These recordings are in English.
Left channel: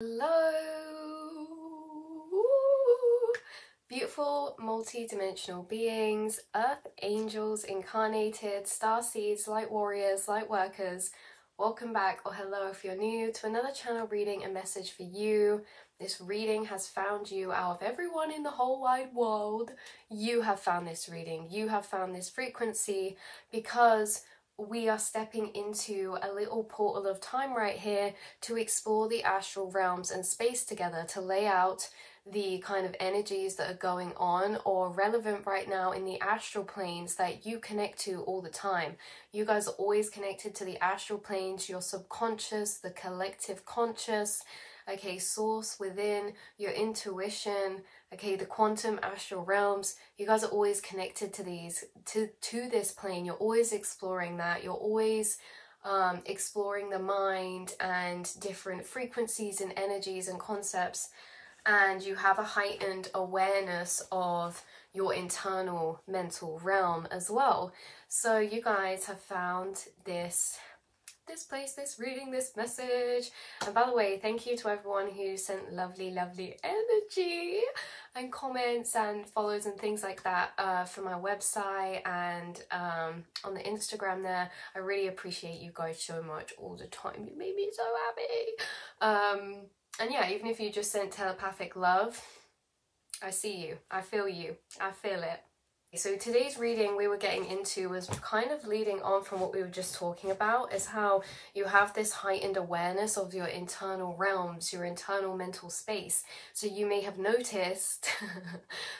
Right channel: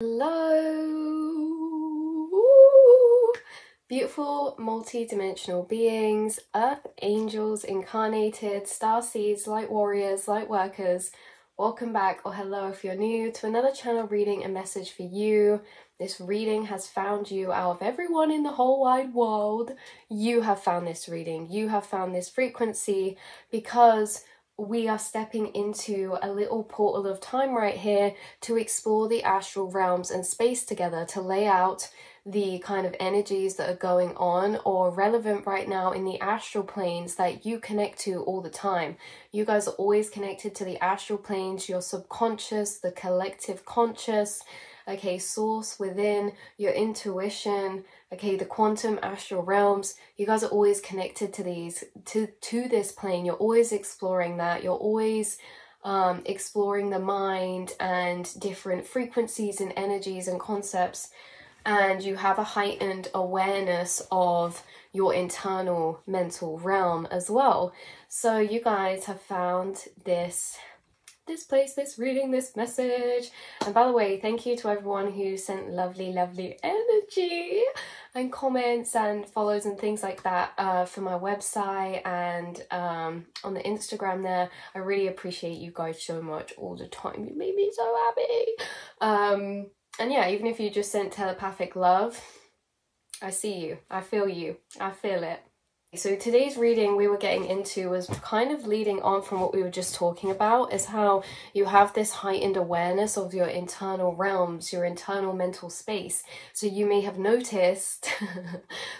Hello, beautiful multi-dimensional beings, earth angels, incarnated, star seeds, light warriors, light workers. Welcome back, or hello if you're new, to another channel reading a message for you. This reading has found you. Out of everyone in the whole wide world, you have found this reading. You have found this frequency because we are stepping into a little portal of time right here to explore the astral realms and space together, to lay out the kind of energies that are going on or relevant right now in the astral planes that you connect to all the time. You guys are always connected to the astral planes, your subconscious, the collective conscious, okay, source within, your intuition, okay, the quantum astral realms. You guys are always connected to these, to this plane. You're always exploring that. You're always exploring the mind and different frequencies and energies and concepts. And you have a heightened awareness of your internal mental realm as well. So you guys have found this place, this reading, this message. And by the way, thank you to everyone who sent lovely energy and comments and follows and things like that for my website and on the Instagram there. I really appreciate you guys so much all the time. You made me so happy. And yeah, even if you just sent telepathic love, I see you, I feel you, I feel it. So today's reading we were getting into was kind of leading on from what we were just talking about, is how you have this heightened awareness of your internal realms, your internal mental space. So you may have noticed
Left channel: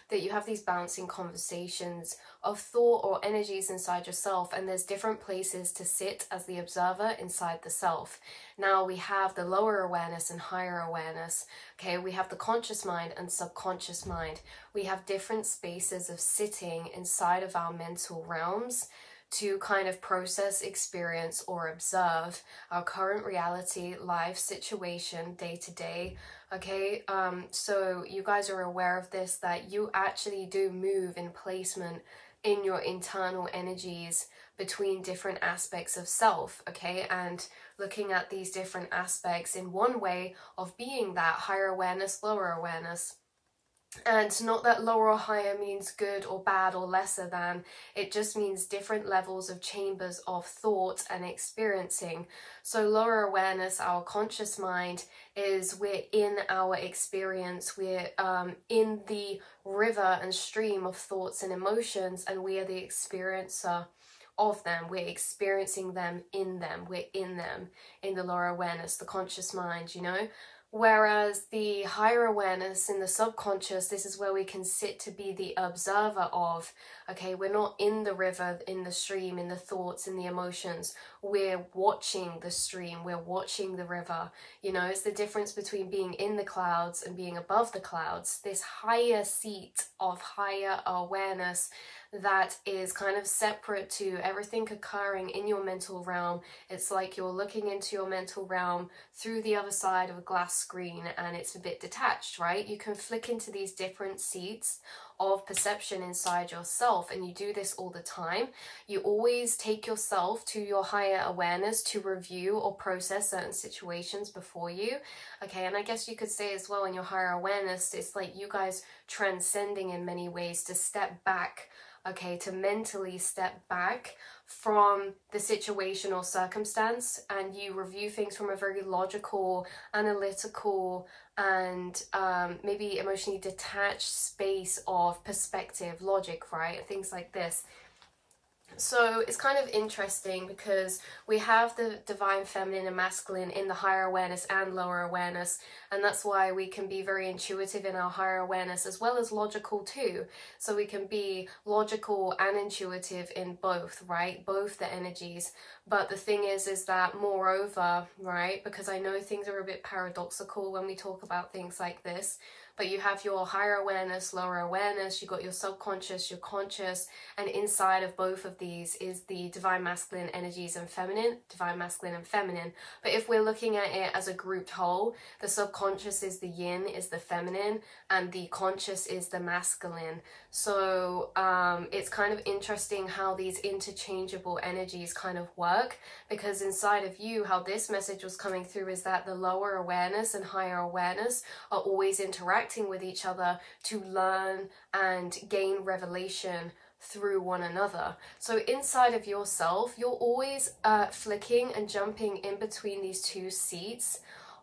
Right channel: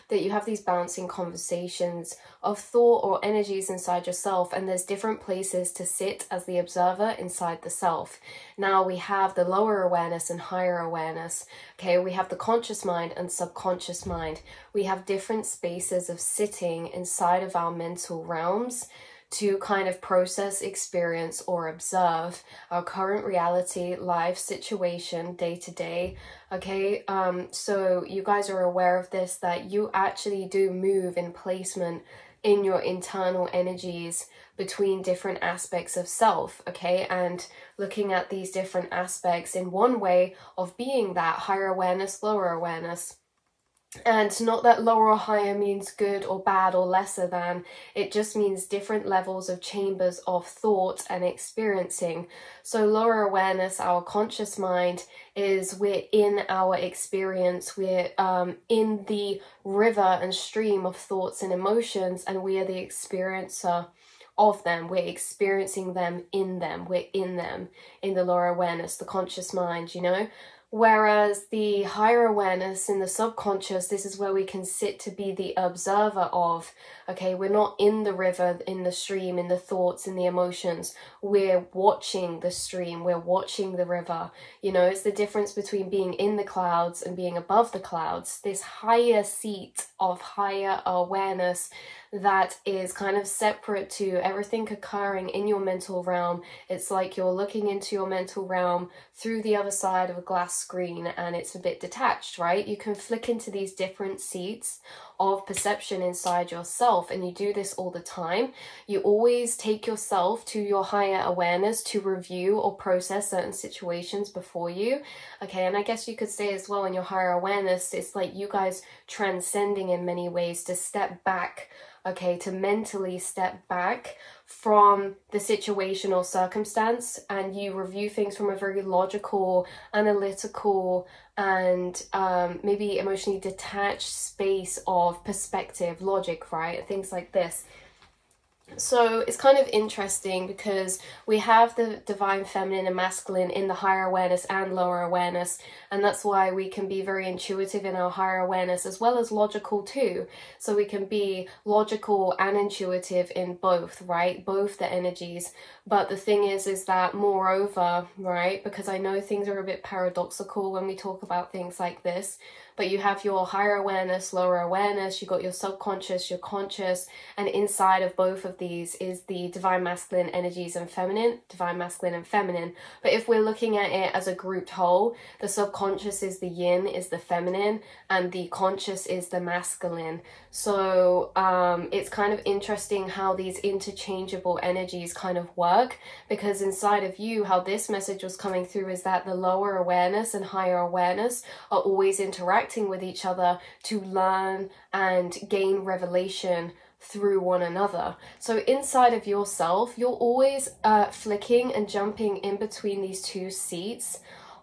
that you have these bouncing conversations of thought or energies inside yourself, and there's different places to sit as the observer inside the self. Now we have the lower awareness and higher awareness. Okay, we have the conscious mind and subconscious mind. We have different spaces of sitting inside of our mental realms to kind of process, experience, or observe our current reality, life situation, day to day. Okay, so you guys are aware of this, that you actually do move in placement in your internal energies between different aspects of self, okay, and looking at these different aspects in one way of being that higher awareness, lower awareness. And not that lower or higher means good or bad or lesser than, it just means different levels of chambers of thought and experiencing. So lower awareness, our conscious mind, is we're in our experience, we're in the river and stream of thoughts and emotions, and we are the experiencer of them. We're experiencing them, we're in them, in the lower awareness, the conscious mind, you know. Whereas the higher awareness in the subconscious, this is where we can sit to be the observer of, okay, we're not in the river, in the stream, in the thoughts, in the emotions. We're watching the stream, we're watching the river. You know, it's the difference between being in the clouds and being above the clouds. This higher seat of higher awareness that is kind of separate to everything occurring in your mental realm. It's like you're looking into your mental realm through the other side of a glass screen, and it's a bit detached, right? You can flick into these different seats of perception inside yourself, and you do this all the time. You always take yourself to your higher awareness to review or process certain situations before you, okay? And I guess you could say as well, in your higher awareness, it's like you guys transcending in many ways to step back, okay, to mentally step back from the situation or circumstance, and you review things from a very logical, analytical, and maybe emotionally detached space of perspective, logic, right? Things like this. So it's kind of interesting because we have the divine feminine and masculine in the higher awareness and lower awareness, and that's why we can be very intuitive in our higher awareness as well as logical too. So we can be logical and intuitive in both, right? Both the energies. But the thing is that moreover, right, because I know things are a bit paradoxical when we talk about things like this, but you have your higher awareness, lower awareness, you got your subconscious, your conscious, and inside of both of of these is the divine masculine energies and feminine, divine masculine and feminine. But if we're looking at it as a grouped whole, the subconscious is the yin, is the feminine, and the conscious is the masculine. So it's kind of interesting how these interchangeable energies kind of work, because inside of you, how this message was coming through is that the lower awareness and higher awareness are always interacting with each other to learn and gain revelation through one another. So inside of yourself, you're always flicking and jumping in between these two seats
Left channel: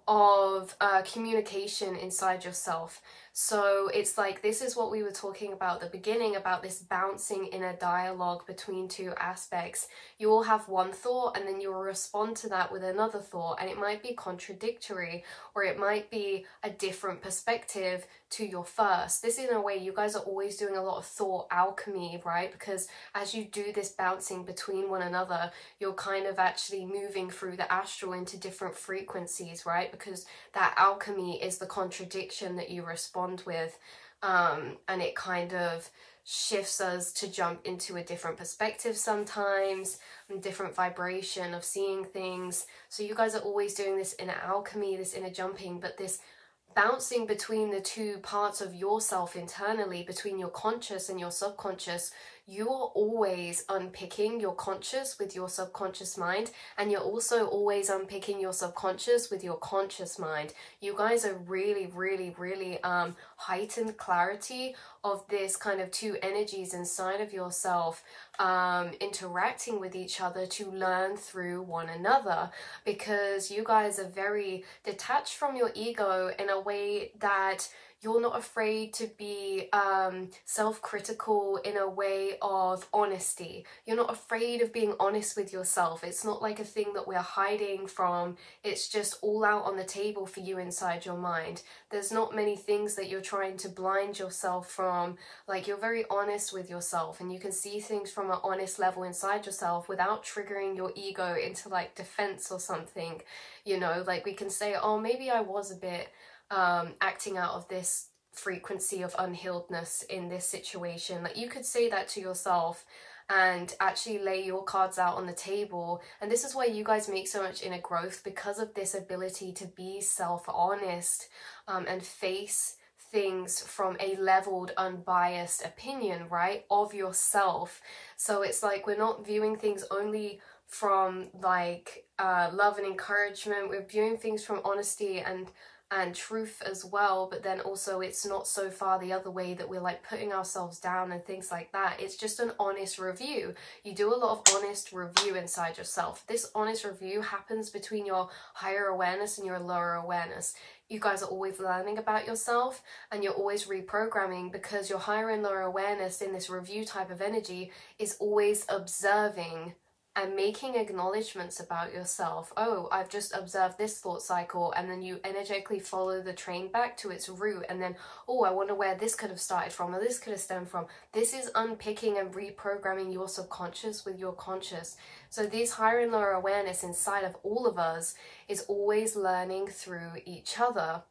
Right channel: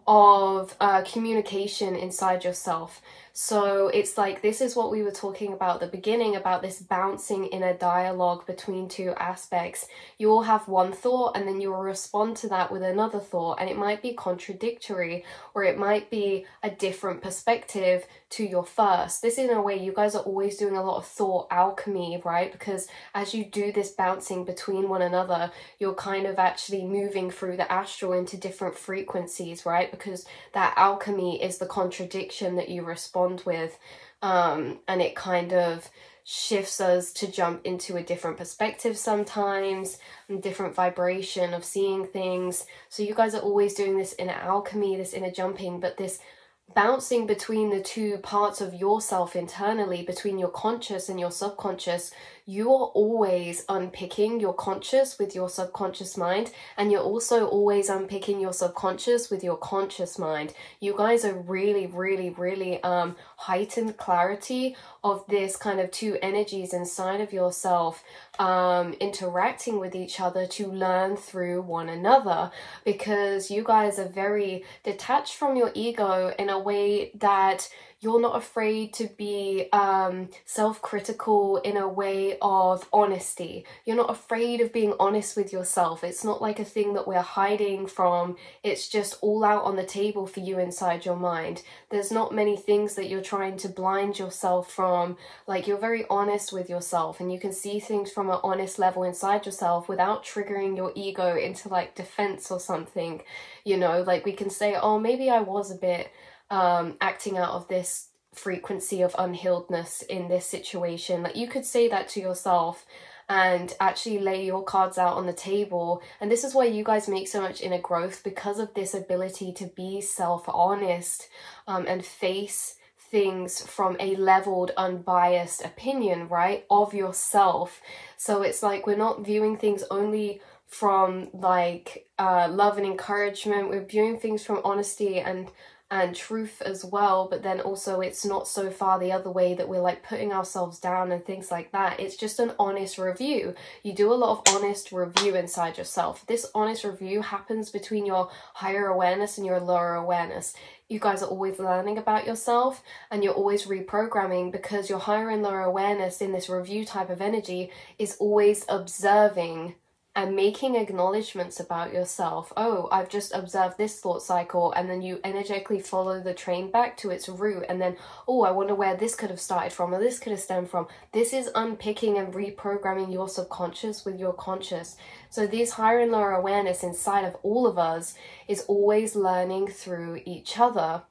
of communication inside yourself. So it's like, this is what we were talking about at the beginning, about this bouncing in a dialogue between two aspects. You all have one thought and then you will respond to that with another thought, and it might be contradictory, or it might be a different perspective to your first. This, in a way, you guys are always doing a lot of thought alchemy, right? Because as you do this bouncing between one another, you're kind of actually moving through the astral into different frequencies, right? Because that alchemy is the contradiction that you respond with, and it kind of shifts us to jump into a different perspective sometimes, and different vibration of seeing things. So you guys are always doing this inner alchemy, this inner jumping, but this bouncing between the two parts of yourself internally, between your conscious and your subconscious. You are always unpicking your conscious with your subconscious mind, and you're also always unpicking your subconscious with your conscious mind. You guys are really heightened clarity of this kind of two energies inside of yourself, interacting with each other to learn through one another, because you guys are very detached from your ego in a way that you're not afraid to be self-critical in a way of honesty. You're not afraid of being honest with yourself. It's not like a thing that we're hiding from. It's just all out on the table for you inside your mind. There's not many things that you're trying to blind yourself from. Like, you're very honest with yourself, and you can see things from an honest level inside yourself without triggering your ego into like defense or something. You know, like we can say, oh, maybe I was a bit acting out of this frequency of unhealedness in this situation. Like, you could say that to yourself and actually lay your cards out on the table. And this is why you guys make so much inner growth, because of this ability to be self-honest and face things from a leveled, unbiased opinion, right, of yourself. So it's like, we're not viewing things only from like love and encouragement. We're viewing things from honesty and truth as well, but then also it's not so far the other way that we're like putting ourselves down and things like that. It's just an honest review. You do a lot of honest review inside yourself. This honest review happens between your higher awareness and your lower awareness. You guys are always learning about yourself, and you're always reprogramming, because your higher and lower awareness in this review type of energy is always observing and making acknowledgements about yourself. Oh, I've just observed this thought cycle, and then you energetically follow the train back to its root, and then, oh, I wonder where this could have started from, or this could have stemmed from. This is unpicking and reprogramming your subconscious with your conscious. So this higher and lower awareness inside of all of us is always learning through each other,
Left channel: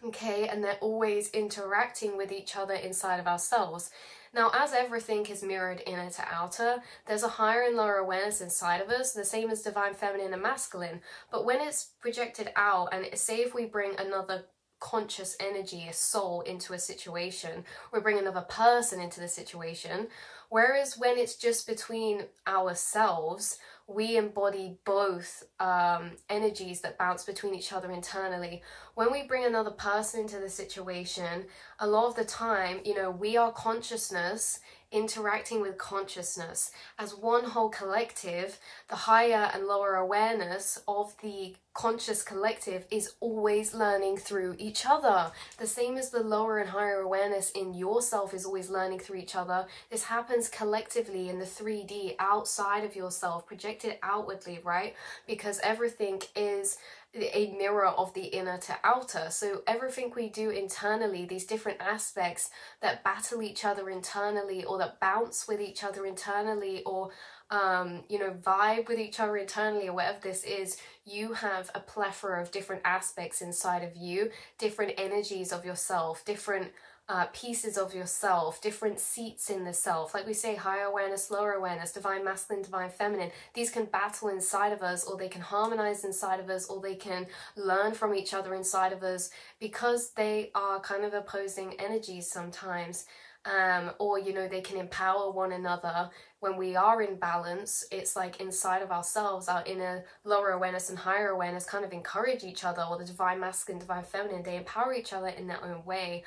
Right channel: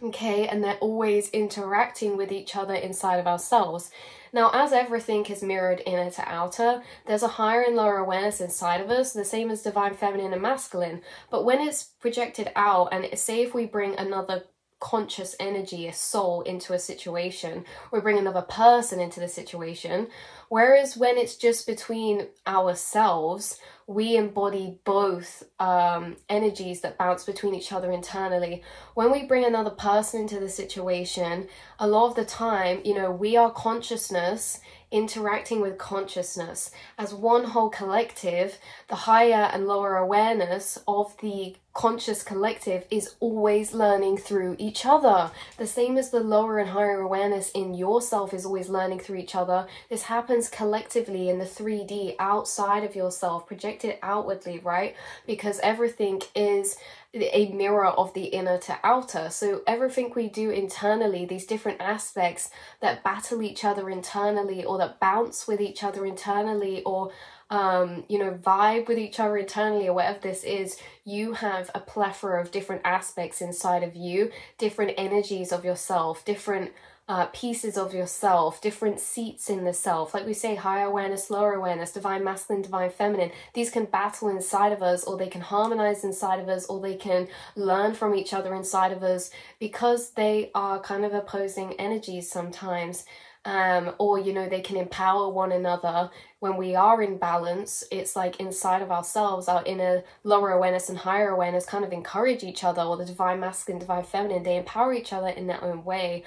okay? And they're always interacting with each other inside of ourselves. Now, as everything is mirrored inner to outer, there's a higher and lower awareness inside of us, the same as divine feminine and masculine. But when it's projected out, and say if we bring another conscious energy, a soul, into a situation, we bring another person into the situation, whereas when it's just between ourselves, we embody both energies that bounce between each other internally. When we bring another person into the situation, a lot of the time, you know, we are consciousness interacting with consciousness as one whole collective. The higher and lower awareness of the conscious collective is always learning through each other. The same as the lower and higher awareness in yourself is always learning through each other. This happens collectively in the 3D outside of yourself, projected outwardly, right? Because everything is a mirror of the inner to outer. So everything we do internally, these different aspects that battle each other internally, or that bounce with each other internally, or you know, vibe with each other internally, or whatever this is, you have a plethora of different aspects inside of you, different energies of yourself, different pieces of yourself, different seats in the self. Like we say, higher awareness, lower awareness, divine masculine, divine feminine. These can battle inside of us, or they can harmonize inside of us, or they can learn from each other inside of us, because they are kind of opposing energies sometimes. Or, you know, they can empower one another. When we are in balance, it's like inside of ourselves, our inner lower awareness and higher awareness kind of encourage each other, or the divine masculine, divine feminine, they empower each other in their own way.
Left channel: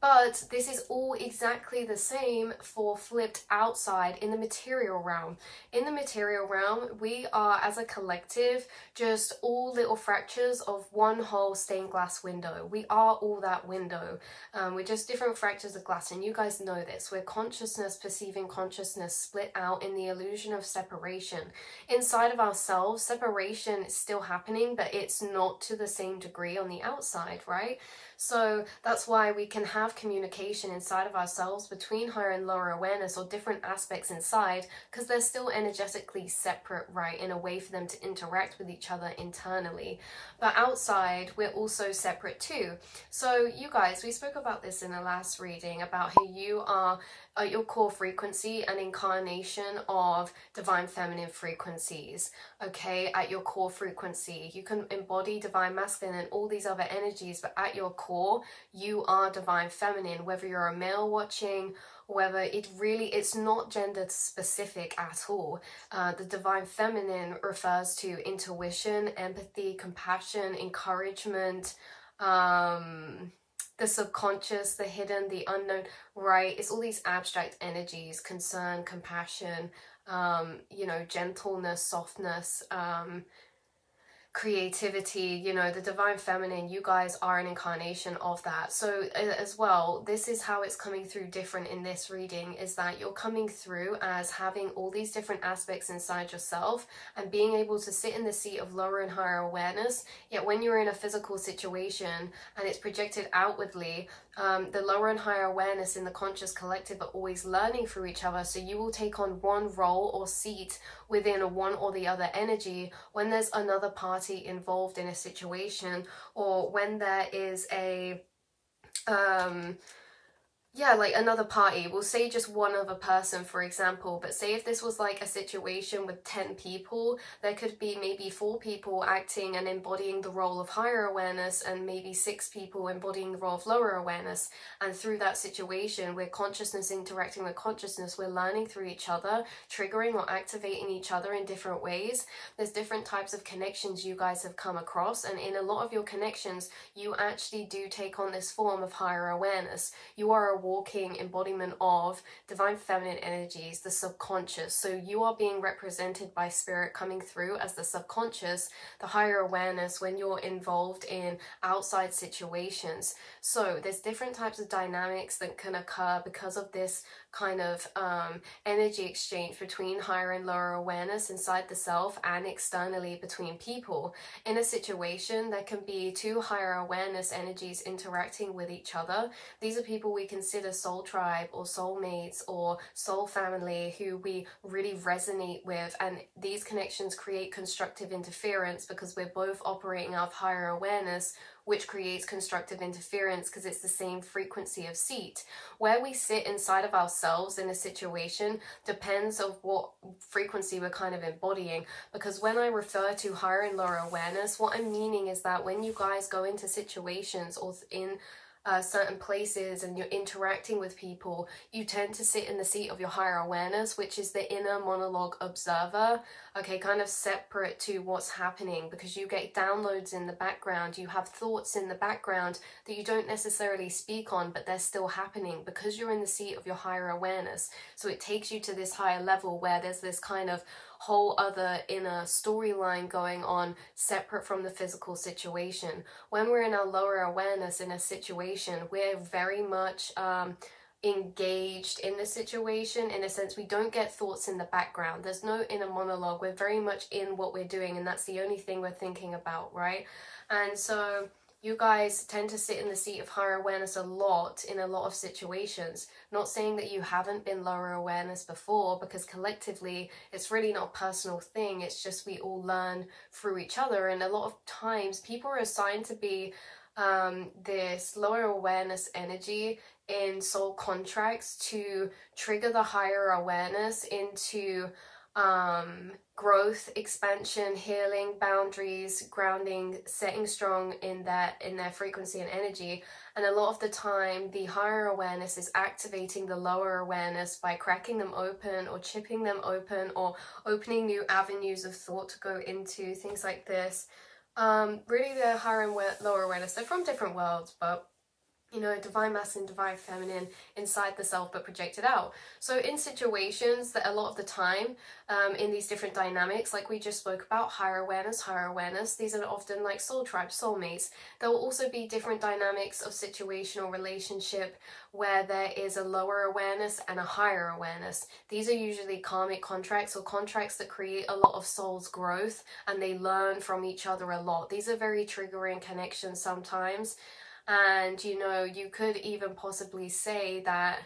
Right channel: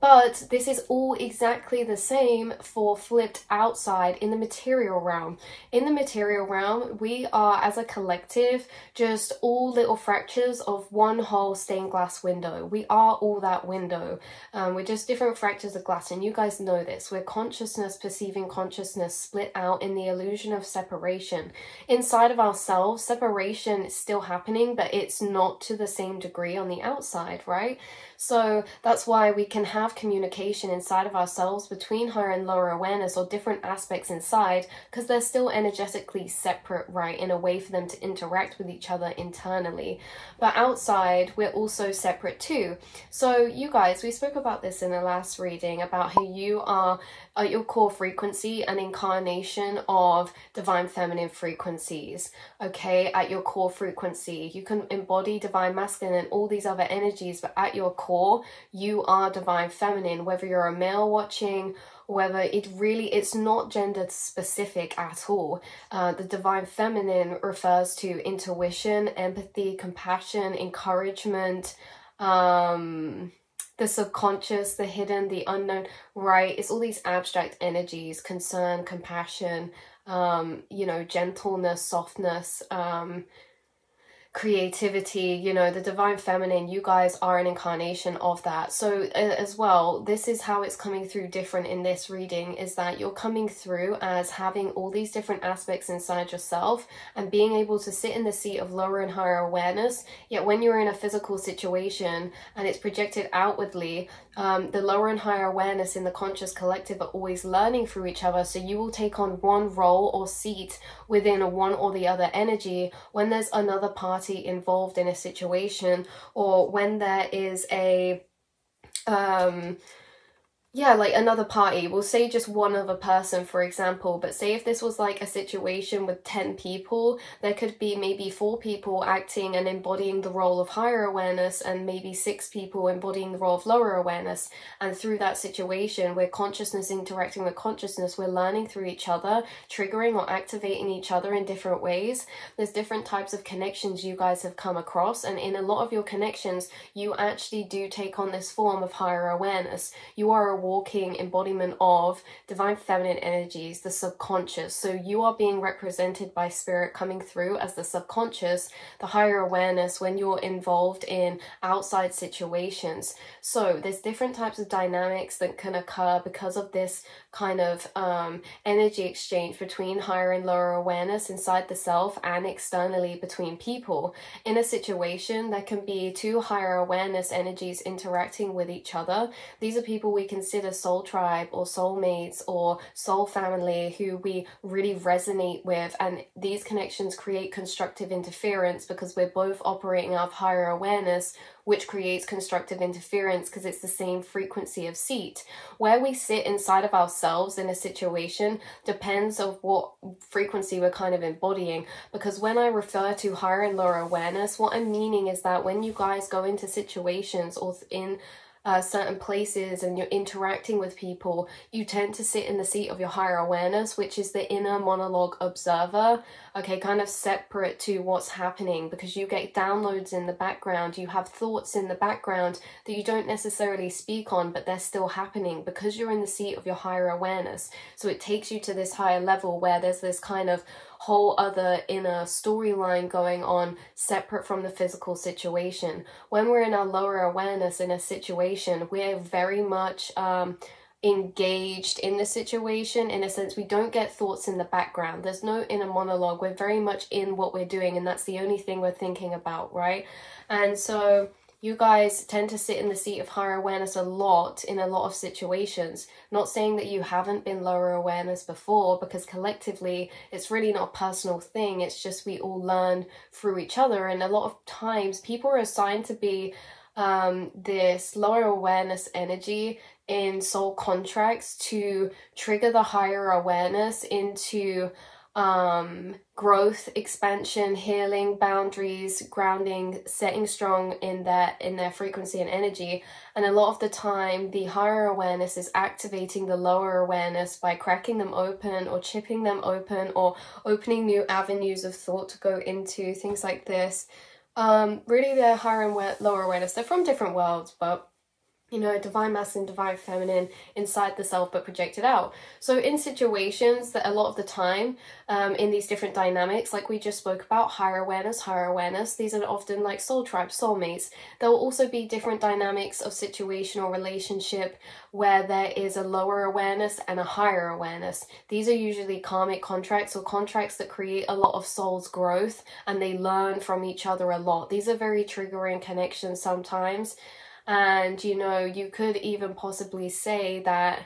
But this is all exactly the same for flipped outside in the material realm. In the material realm, we are, as a collective, just all little fractures of one whole stained glass window. We are all that window. We're just different fractures of glass, and you guys know this. We're consciousness perceiving consciousness split out in the illusion of separation. Inside of ourselves, separation is still happening, but it's not to the same degree on the outside, right? So that's why we can have communication inside of ourselves between higher and lower awareness, or different aspects inside, because they're still energetically separate, right, in a way for them to interact with each other internally. But outside, we're also separate too. So you guys, we spoke about this in the last reading, about how you are at your core frequency an incarnation of divine feminine frequencies, okay? At your core frequency, you can embody divine masculine and all these other energies, but at your core, you are divine feminine. Whether you're a male watching, whether it's not gender specific at all. The divine feminine refers to intuition, empathy, compassion, encouragement, the subconscious, the hidden, the unknown, right? It's all these abstract energies: concern, compassion, you know, gentleness, softness, creativity. You know, the divine feminine, you guys are an incarnation of that. So as well, this is how it's coming through different in this reading, is that you're coming through as having all these different aspects inside yourself and being able to sit in the seat of lower and higher awareness. Yet when you're in a physical situation and it's projected outwardly, the lower and higher awareness in the conscious collective are always learning through each other. So you will take on one role or seat within one or the other energy when there's another party involved in a situation, or when there is a yeah, like another party. We'll say just one other person, for example, but say if this was like a situation with 10 people, there could be maybe 4 people acting and embodying the role of higher awareness, and maybe 6 people embodying the role of lower awareness. And through that situation, where consciousness interacting with consciousness, we're learning through each other, triggering or activating each other in different ways. There's different types of connections you guys have come across, and in a lot of your connections, you actually do take on this form of higher awareness. You are a walking embodiment of divine feminine energies, the subconscious. So you are being represented by spirit coming through as the subconscious, the higher awareness, when you're involved in outside situations. So there's different types of dynamics that can occur because of this kind of energy exchange between higher and lower awareness inside the self and externally between people. In a situation, there can be 2 higher awareness energies interacting with each other. These are people we consider soul tribe or soulmates or soul family, who we really resonate with, and these connections create constructive interference because we're both operating out of higher awareness, which creates constructive interference because it's the same frequency of seat. Where we sit inside of ourselves in a situation depends on what frequency we're kind of embodying. Because when I refer to higher and lower awareness, what I'm meaning is that when you guys go into situations or in certain places and you're interacting with people, you tend to sit in the seat of your higher awareness, which is the inner monologue observer, okay, kind of separate to what's happening, because you get downloads in the background, you have thoughts in the background that you don't necessarily speak on, but they're still happening because you're in the seat of your higher awareness. So it takes you to this higher level where there's this kind of whole other inner storyline going on separate from the physical situation. When we're in our lower awareness in a situation, we're very much engaged in the situation. In a sense, we don't get thoughts in the background. There's no inner monologue. We're very much in what we're doing, and that's the only thing we're thinking about, right? And so you guys tend to sit in the seat of higher awareness a lot in a lot of situations. Not saying that you haven't been lower awareness before, because collectively it's really not a personal thing. It's just we all learn through each other, and a lot of times people are assigned to be this lower awareness energy in soul contracts to trigger the higher awareness into growth, expansion, healing, boundaries, grounding, setting strong in their frequency and energy. And a lot of the time the higher awareness is activating the lower awareness by cracking them open or chipping them open or opening new avenues of thought to go into, things like this. Really, the higher and lower awareness, they're from different worlds, but you know, divine masculine, divine feminine inside the self but projected out. So in situations that a lot of the time in these different dynamics, like we just spoke about, higher awareness, these are often like soul tribes, soulmates. There will also be different dynamics of situation or relationship where there is a lower awareness and a higher awareness. These are usually karmic contracts or contracts that create a lot of soul's growth and they learn from each other a lot. These are very triggering connections sometimes. And, you know, you could even possibly say that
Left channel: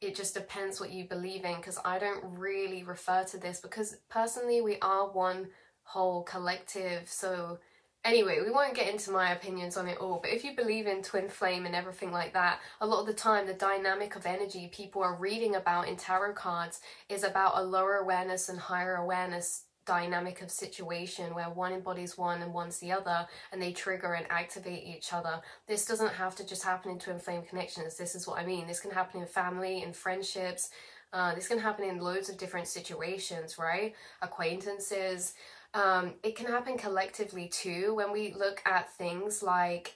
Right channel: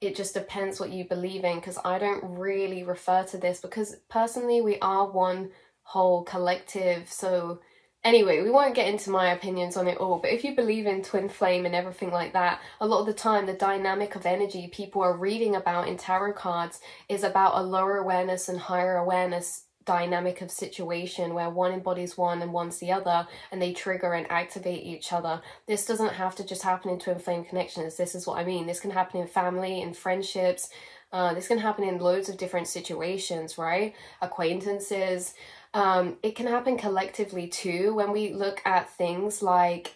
it just depends what you believe in, because I don't really refer to this because personally we are one whole collective. So anyway, we won't get into my opinions on it all, but if you believe in twin flame and everything like that, a lot of the time the dynamic of energy people are reading about in tarot cards is about a lower awareness and higher awareness dynamic of situation where one embodies one and one's the other, and they trigger and activate each other. This doesn't have to just happen in twin flame connections. This is what I mean. This can happen in family, in friendships. This can happen in loads of different situations, right? Acquaintances. It can happen collectively too. When we look at things like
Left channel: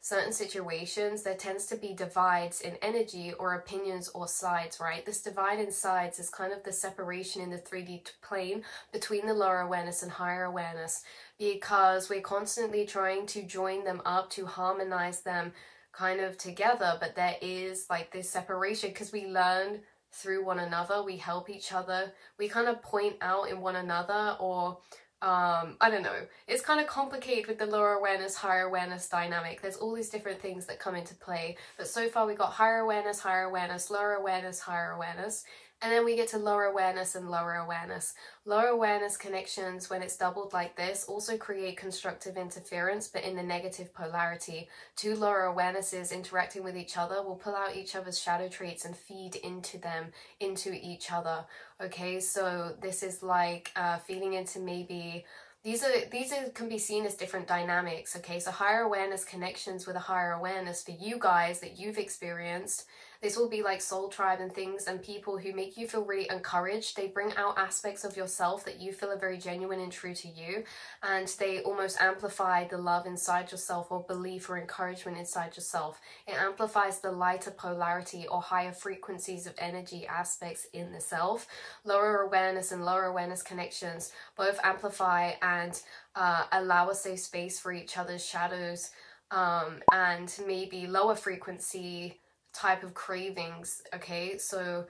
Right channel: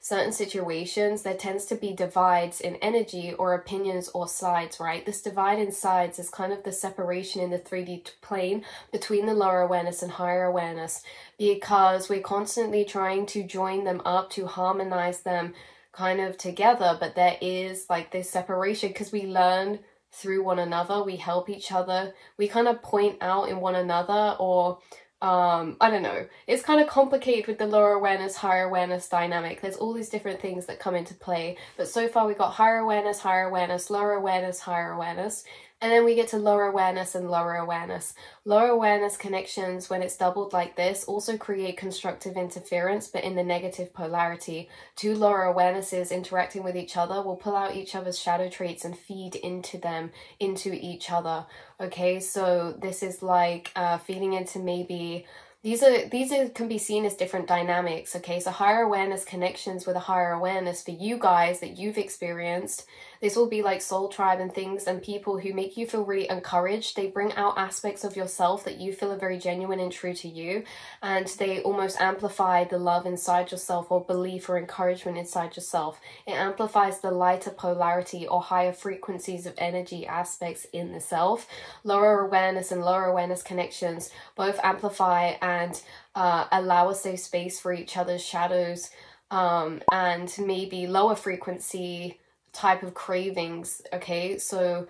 certain situations, there tends to be divides in energy or opinions or sides, right? This divide in sides is kind of the separation in the 3D plane between the lower awareness and higher awareness, because we're constantly trying to join them up, to harmonize them kind of together. But there is like this separation because we learn through one another, we help each other, we kind of point out in one another, or I don't know, it's kind of complicated with the lower awareness, higher awareness dynamic. There's all these different things that come into play, but so far we got higher awareness, lower awareness, higher awareness, and then we get to lower awareness and lower awareness. Lower awareness connections, when it's doubled like this, also create constructive interference, but in the negative polarity. Two lower awarenesses interacting with each other will pull out each other's shadow traits and feed into them, into each other. Okay, so this is like feeding into maybe... These can be seen as different dynamics, okay? So higher awareness connections with a higher awareness for you guys that you've experienced. This will be like soul tribe and things and people who make you feel really encouraged. They bring out aspects of yourself that you feel are very genuine and true to you. And they almost amplify the love inside yourself or belief or encouragement inside yourself. It amplifies the lighter polarity or higher frequencies of energy aspects in the self. Lower awareness and lower awareness connections both amplify and allow a safe space for each other's shadows and maybe lower frequency type of cravings, okay? So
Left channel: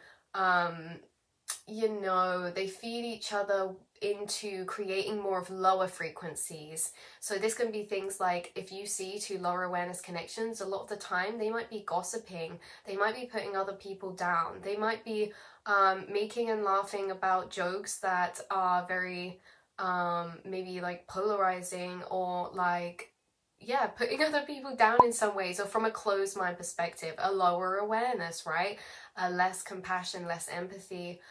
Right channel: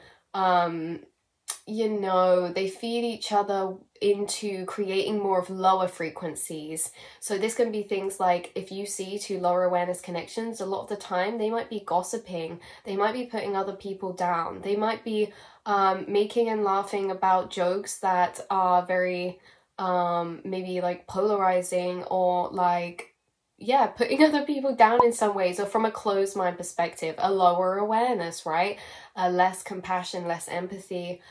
you know, they feed each other into creating more of lower frequencies. So this can be things like, if you see two lower awareness connections, a lot of the time they might be gossiping, they might be putting other people down, they might be making and laughing about jokes that are very maybe like polarizing, or like, yeah, putting other people down in some ways, or from a closed mind perspective, a lower awareness, right? Less compassion, less empathy.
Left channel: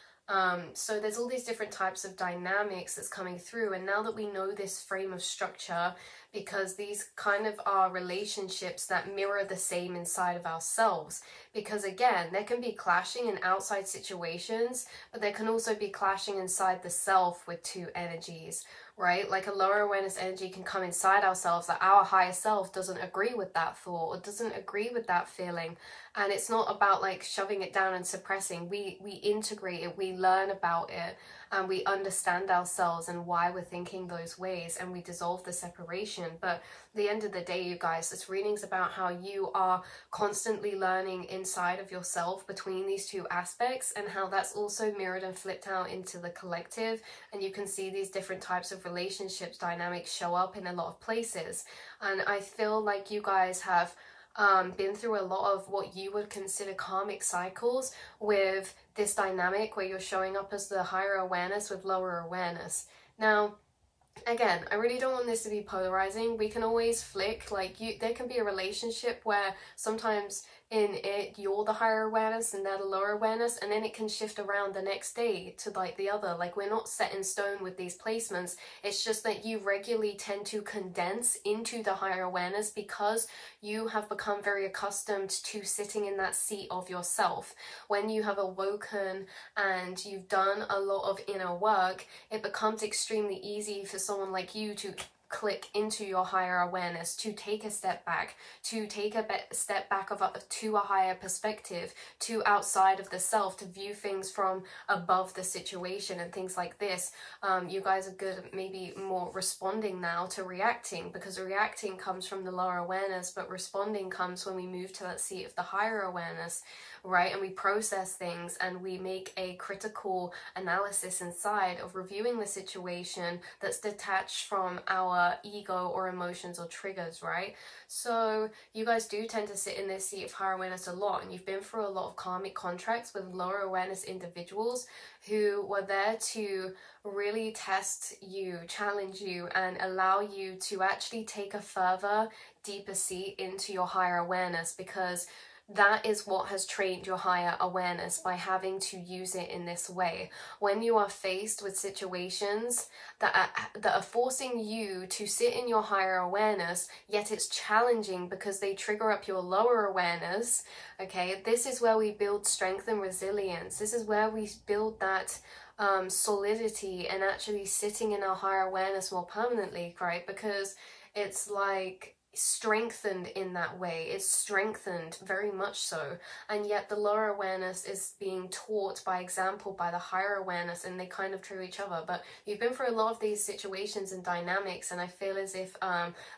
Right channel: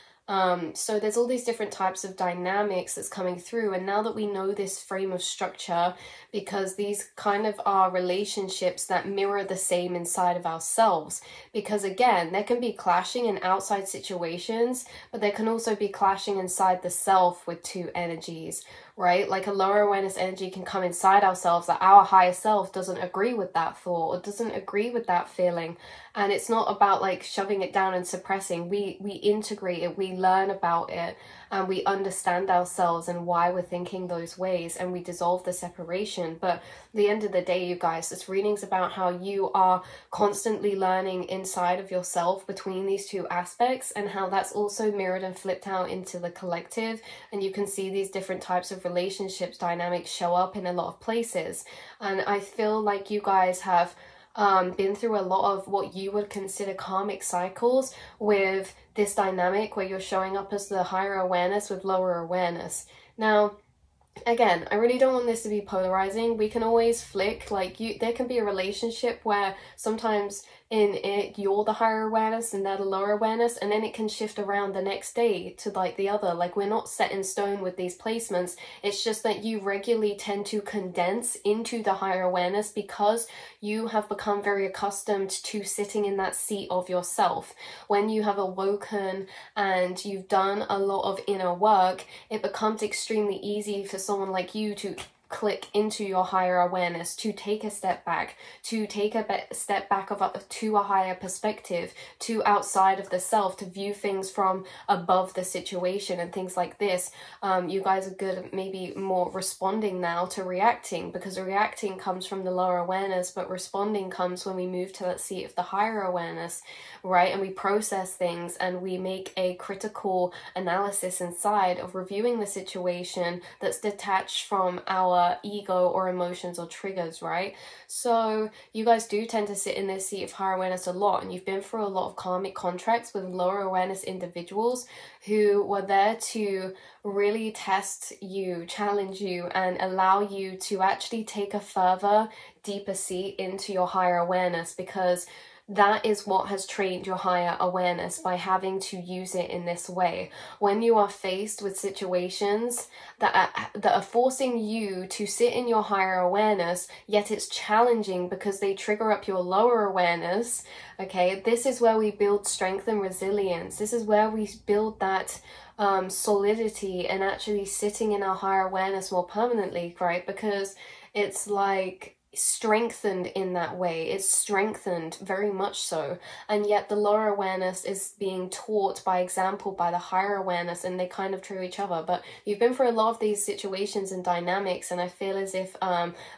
So there's all these different types of dynamics that's coming through. And now that we know this frame of structure, because these kind of are relationships that mirror the same inside of ourselves, because again, there can be clashing in outside situations, but there can also be clashing inside the self with two energies, right? Like a lower awareness energy can come inside ourselves that our higher self doesn't agree with that thought or doesn't agree with that feeling. And it's not about like shoving it down and suppressing. We integrate it, we learn about it, and we understand ourselves and why we're thinking those ways, and we dissolve the separation. But at the end of the day, you guys, this reading's about how you are constantly learning inside of yourself between these two aspects, and how that's also mirrored and flipped out into the collective. And you can see these different types of relationships dynamics show up in a lot of places. And I feel like you guys have been through a lot of what you would consider karmic cycles with this dynamic where you're showing up as the higher awareness with lower awareness. Now, again, I really don't want this to be polarizing. We can always flick, like there can be a relationship where sometimes in it you're the higher awareness and they're the lower awareness, and then it can shift around the next day to like the other. Like, we're not set in stone with these placements. It's just that you regularly tend to condense into the higher awareness because you have become very accustomed to sitting in that seat of yourself. When you have awoken and you've done a lot of inner work, it becomes extremely easy for someone like you to click into your higher awareness, to take a step back, to take a step back to a higher perspective, to outside of the self, to view things from above the situation and things like this. You guys are good at maybe more responding now to reacting, because reacting comes from the lower awareness, but responding comes when we move to that seat of the higher awareness, right? And we process things and we make a critical analysis inside of reviewing the situation that's detached from our ego or emotions or triggers, right? So you guys do tend to sit in this seat of higher awareness a lot, and you've been through a lot of karmic contracts with lower awareness individuals who were there to really test you, challenge you, and allow you to actually take a further, deeper seat into your higher awareness, because that is what has trained your higher awareness by having to use it in this way. When you are faced with situations that are forcing you to sit in your higher awareness, yet it's challenging because they trigger up your lower awareness, okay, this is where we build strength and resilience. This is where we build that solidity and actually sitting in our higher awareness more permanently, right? Because it's like strengthened in that way. It's strengthened very much so, and yet the lower awareness is being taught by example by the higher awareness, and they kind of trigger each other. But you've been through a lot of these situations and dynamics, and I feel as if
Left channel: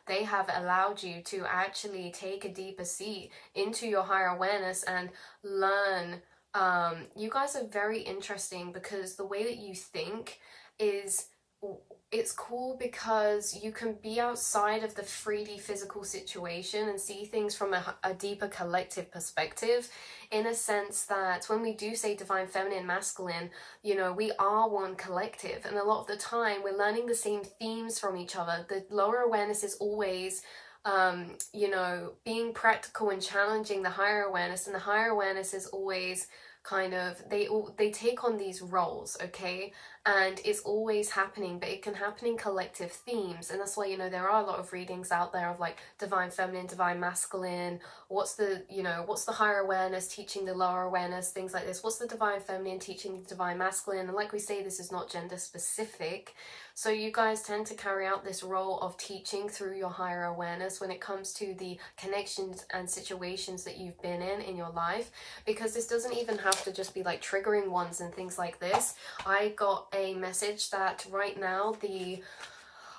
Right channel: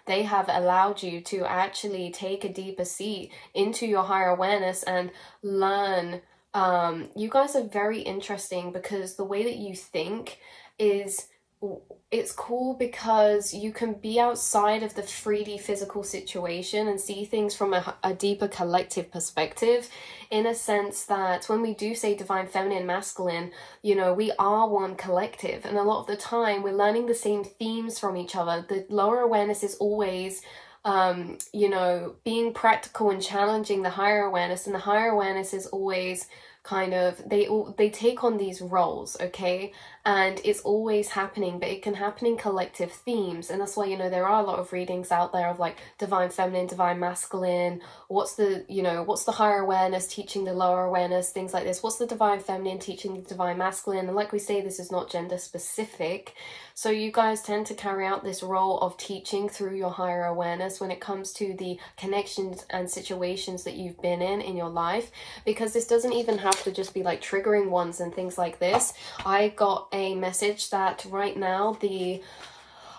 they have allowed you to actually take a deeper seat into your higher awareness and learn. You guys are very interesting because the way that you think is, it's cool because you can be outside of the 3D physical situation and see things from a deeper collective perspective, in a sense that when we do say divine feminine, masculine, you know, we are one collective, and a lot of the time we're learning the same themes from each other. The lower awareness is always you know, being practical and challenging the higher awareness, and the higher awareness is always kind of, they take on these roles, okay, and it's always happening, but it can happen in collective themes. And that's why, you know, there are a lot of readings out there of like divine feminine, divine masculine, what's the, you know, what's the higher awareness teaching the lower awareness, things like this, what's the divine feminine teaching the divine masculine. And like we say, this is not gender specific, so you guys tend to carry out this role of teaching through your higher awareness when it comes to the connections and situations that you've been in your life, because this doesn't even have to just be like triggering ones and things like this. I got a message that right now the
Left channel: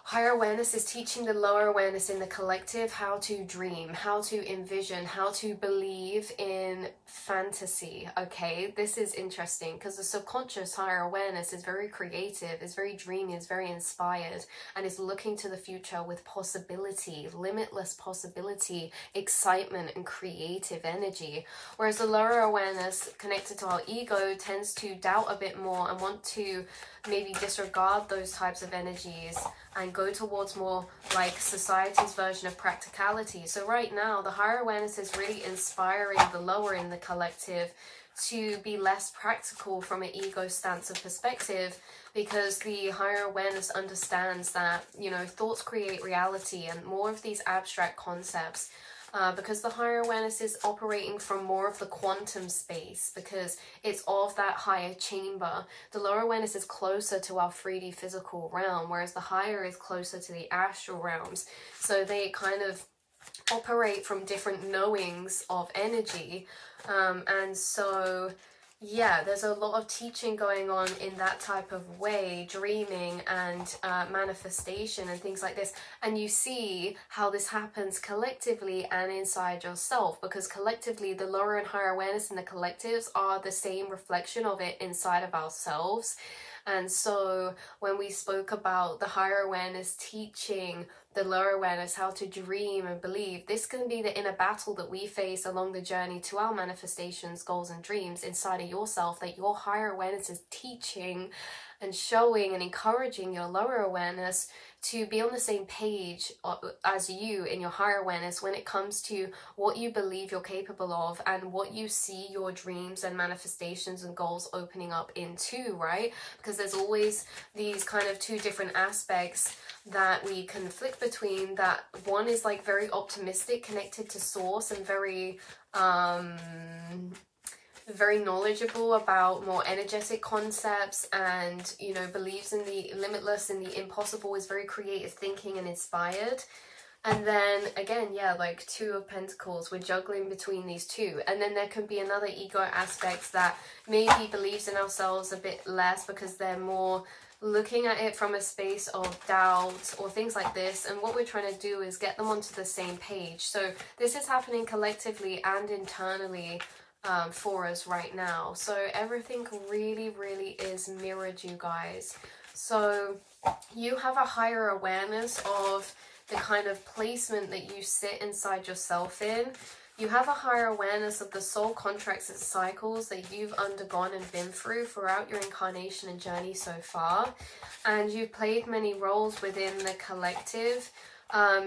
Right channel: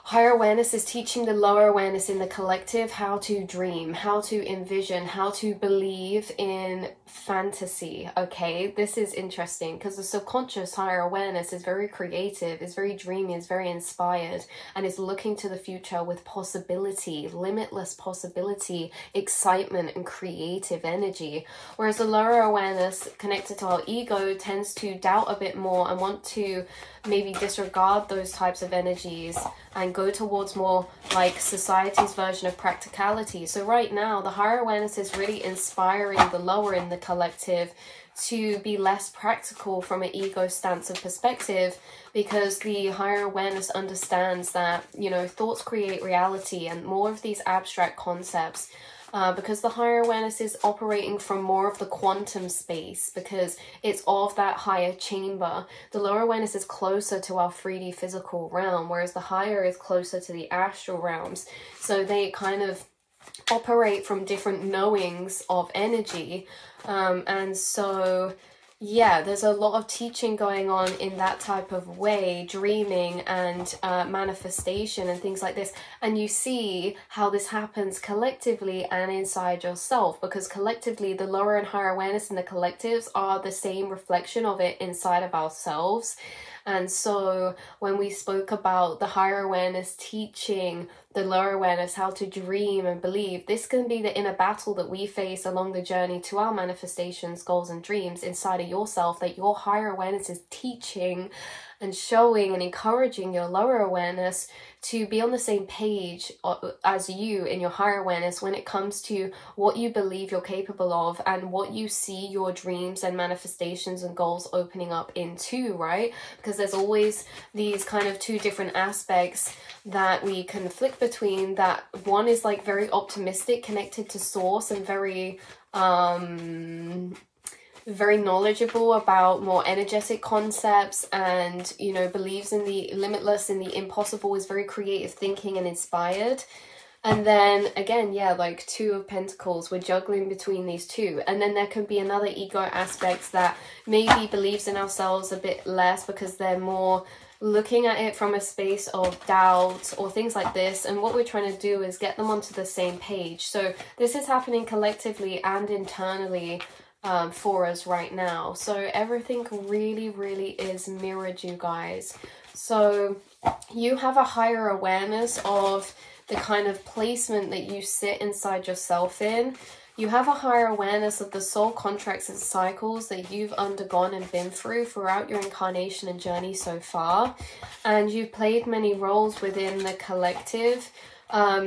higher awareness is teaching the lower awareness in the collective how to dream, how to envision, how to believe in fantasy, okay? This is interesting because the subconscious higher awareness is very creative, is very dreamy, is very inspired, and is looking to the future with possibility, limitless possibility, excitement, and creative energy. Whereas the lower awareness connected to our ego tends to doubt a bit more and want to maybe disregard those types of energies and go towards more like society's version of practicality. So right now, the higher awareness is really inspiring the lower in the collective to be less practical from an ego stance of perspective, because the higher awareness understands that, you know, thoughts create reality and more of these abstract concepts. Because the higher awareness is operating from more of the quantum space, because it's of that higher chamber. The lower awareness is closer to our 3D physical realm, whereas the higher is closer to the astral realms. So they kind of operate from different knowings of energy. And so, yeah, there's a lot of teaching going on in that type of way, dreaming and manifestation and things like this. And you see how this happens collectively and inside yourself, because collectively the lower and higher awareness in the collectives are the same reflection of it inside of ourselves. And so when we spoke about the higher awareness teaching the lower awareness how to dream and believe, this can be the inner battle that we face along the journey to our manifestations, goals, and dreams inside of yourself, that your higher awareness is teaching and showing and encouraging your lower awareness to be on the same page as you in your higher awareness when it comes to what you believe you're capable of and what you see your dreams and manifestations and goals opening up into, right? Because there's always these kind of two different aspects that we conflict between. That one is like very optimistic, connected to source, and very knowledgeable about more energetic concepts, and, you know, believes in the limitless, in the impossible, is very creative thinking and inspired. And then again, yeah, like Two of Pentacles, we're juggling between these two. And then there can be another ego aspect that maybe believes in ourselves a bit less because they're more looking at it from a space of doubt or things like this. And what we're trying to do is get them onto the same page. So this is happening collectively and internally for us right now. So everything really, really is mirrored, you guys. So you have a higher awareness of the kind of placement that you sit inside yourself in. You have a higher awareness of the soul contracts and cycles that you've undergone and been through throughout your incarnation and journey so far. And you've played many roles within the collective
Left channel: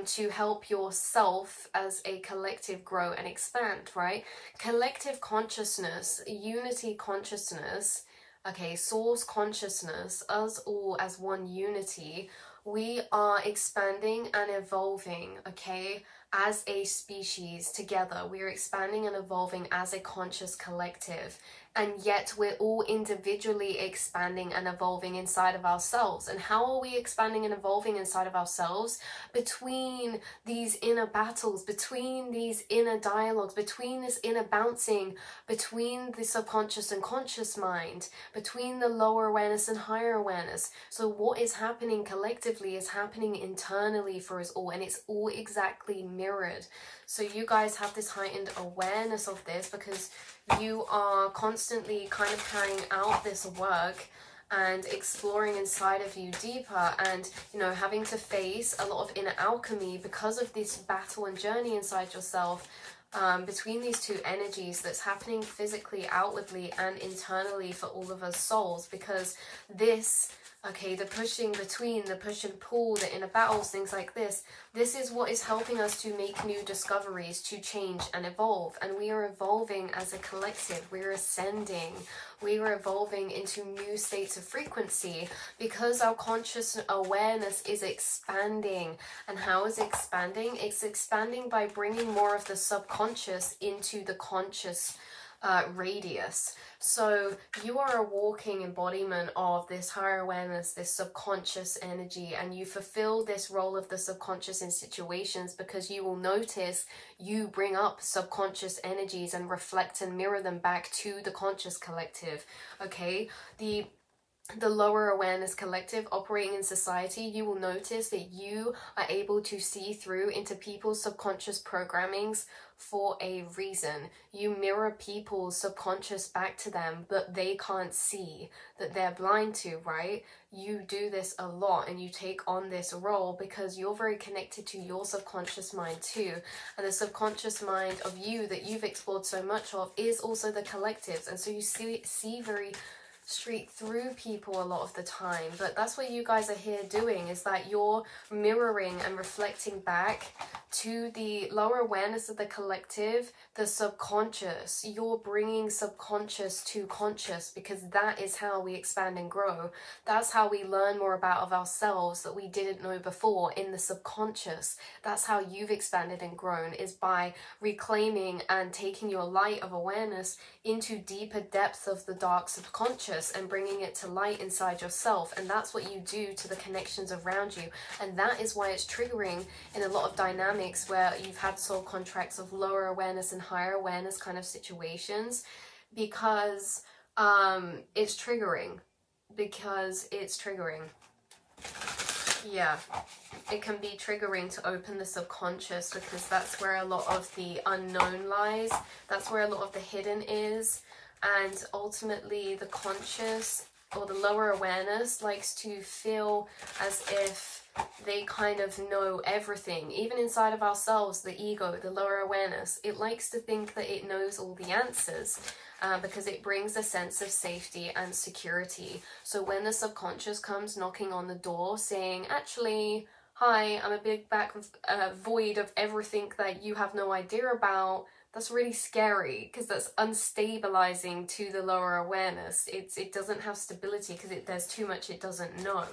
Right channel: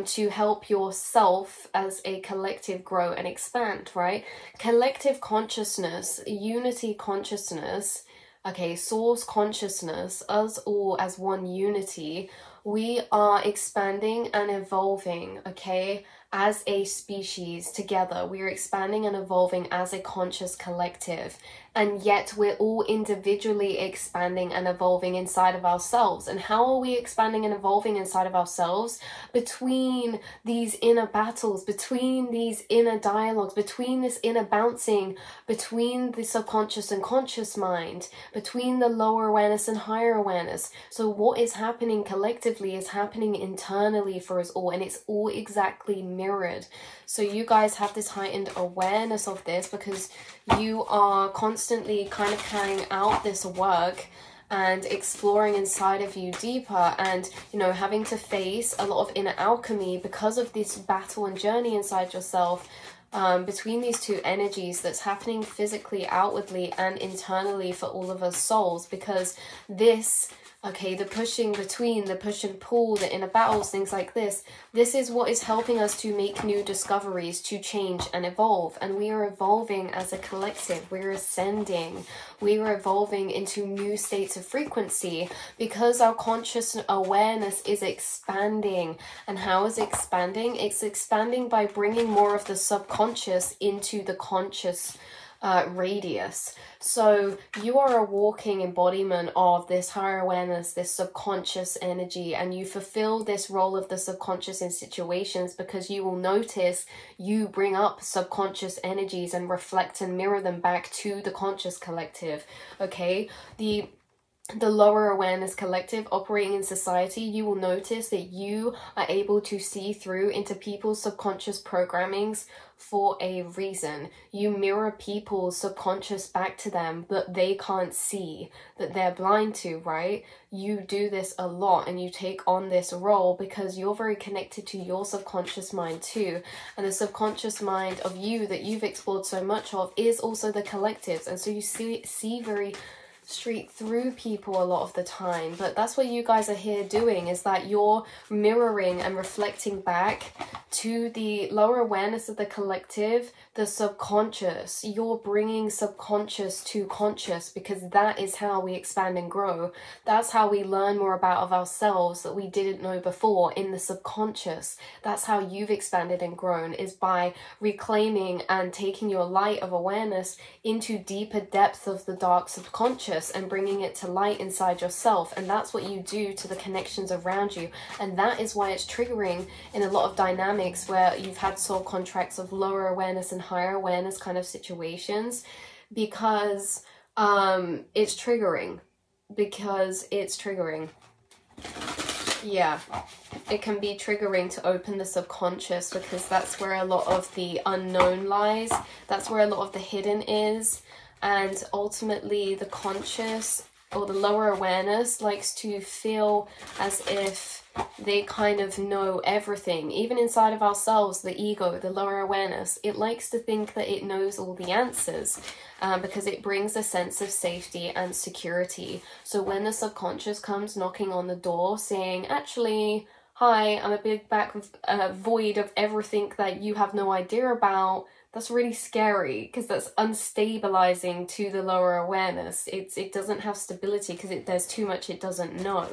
to help yourself as a collective grow and expand, right? Collective consciousness, unity consciousness, okay, source consciousness, us all as one unity. We are expanding and evolving, okay, as a species together. We are expanding and evolving as a conscious collective. And yet we're all individually expanding and evolving inside of ourselves. And how are we expanding and evolving inside of ourselves? Between these inner battles, between these inner dialogues, between this inner bouncing, between the subconscious and conscious mind, between the lower awareness and higher awareness. So what is happening collectively is happening internally for us all, and it's all exactly mirrored. So you guys have this heightened awareness of this because you are constantly kind of carrying out this work and exploring inside of you deeper, and, you know, having to face a lot of inner alchemy because of this battle and journey inside yourself, between these two energies that's happening physically, outwardly, and internally for all of us souls. Because this, okay, the pushing between, the push and pull, the inner battles, things like this is what is helping us to make new discoveries, to change and evolve. And we are evolving as a collective. We're ascending. We are evolving into new states of frequency because our conscious awareness is expanding. And how is it expanding? It's expanding by bringing more of the subconscious into the conscious radius. So you are a walking embodiment of this higher awareness, this subconscious energy, and you fulfill this role of the subconscious in situations because you will notice you bring up subconscious energies and reflect and mirror them back to the conscious collective. Okay, the lower awareness collective operating in society, you will notice that you are able to see through into people's subconscious programmings for a reason. You mirror people's subconscious back to them, but they can't see, that they're blind to, right? You do this a lot and you take on this role because you're very connected to your subconscious mind too. And the subconscious mind of you that you've explored so much of is also the collectives. And so you see very straight through people a lot of the time. But that's what you guys are here doing, is that you're mirroring and reflecting back to the lower awareness of the collective, the subconscious. You're bringing subconscious to conscious because that is how we expand and grow. That's how we learn more about of ourselves that we didn't know before in the subconscious. That's how you've expanded and grown, is by reclaiming and taking your light of awareness into deeper depths of the dark subconscious and bringing it to light inside yourself. And that's what you do to the connections around you. And that is why it's triggering in a lot of dynamics where you've had soul contracts of lower awareness and higher awareness kind of situations, because it's triggering. Yeah, it can be triggering to open the subconscious because that's where a lot of the unknown lies. That's where a lot of the hidden is. And ultimately the conscious or the lower awareness likes to feel as if they kind of know everything. Even inside of ourselves, the ego, the lower awareness, it likes to think that it knows all the answers. Because it brings a sense of safety and security. So when the subconscious comes knocking on the door saying, actually, hi, I'm a big void of everything that you have no idea about, that's really scary, because that's unstabilizing to the lower awareness. It doesn't have stability because there's too much it doesn't know.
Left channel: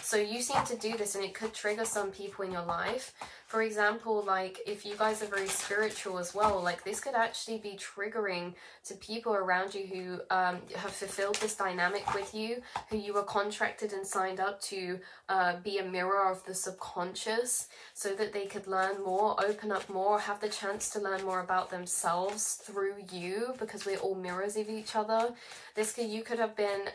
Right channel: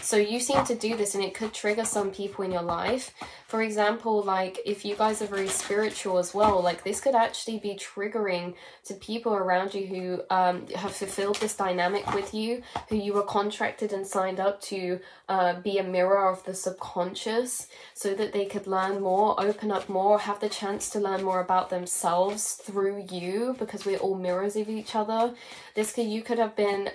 So you seem to do this, and it could trigger some people in your life. For example, like if you guys are very spiritual as well, like this could actually be triggering to people around you who have fulfilled this dynamic with you, who you were contracted and signed up to be a mirror of the subconscious, so that they could learn more, open up more, have the chance to learn more about themselves through you, because we're all mirrors of each other. You could have been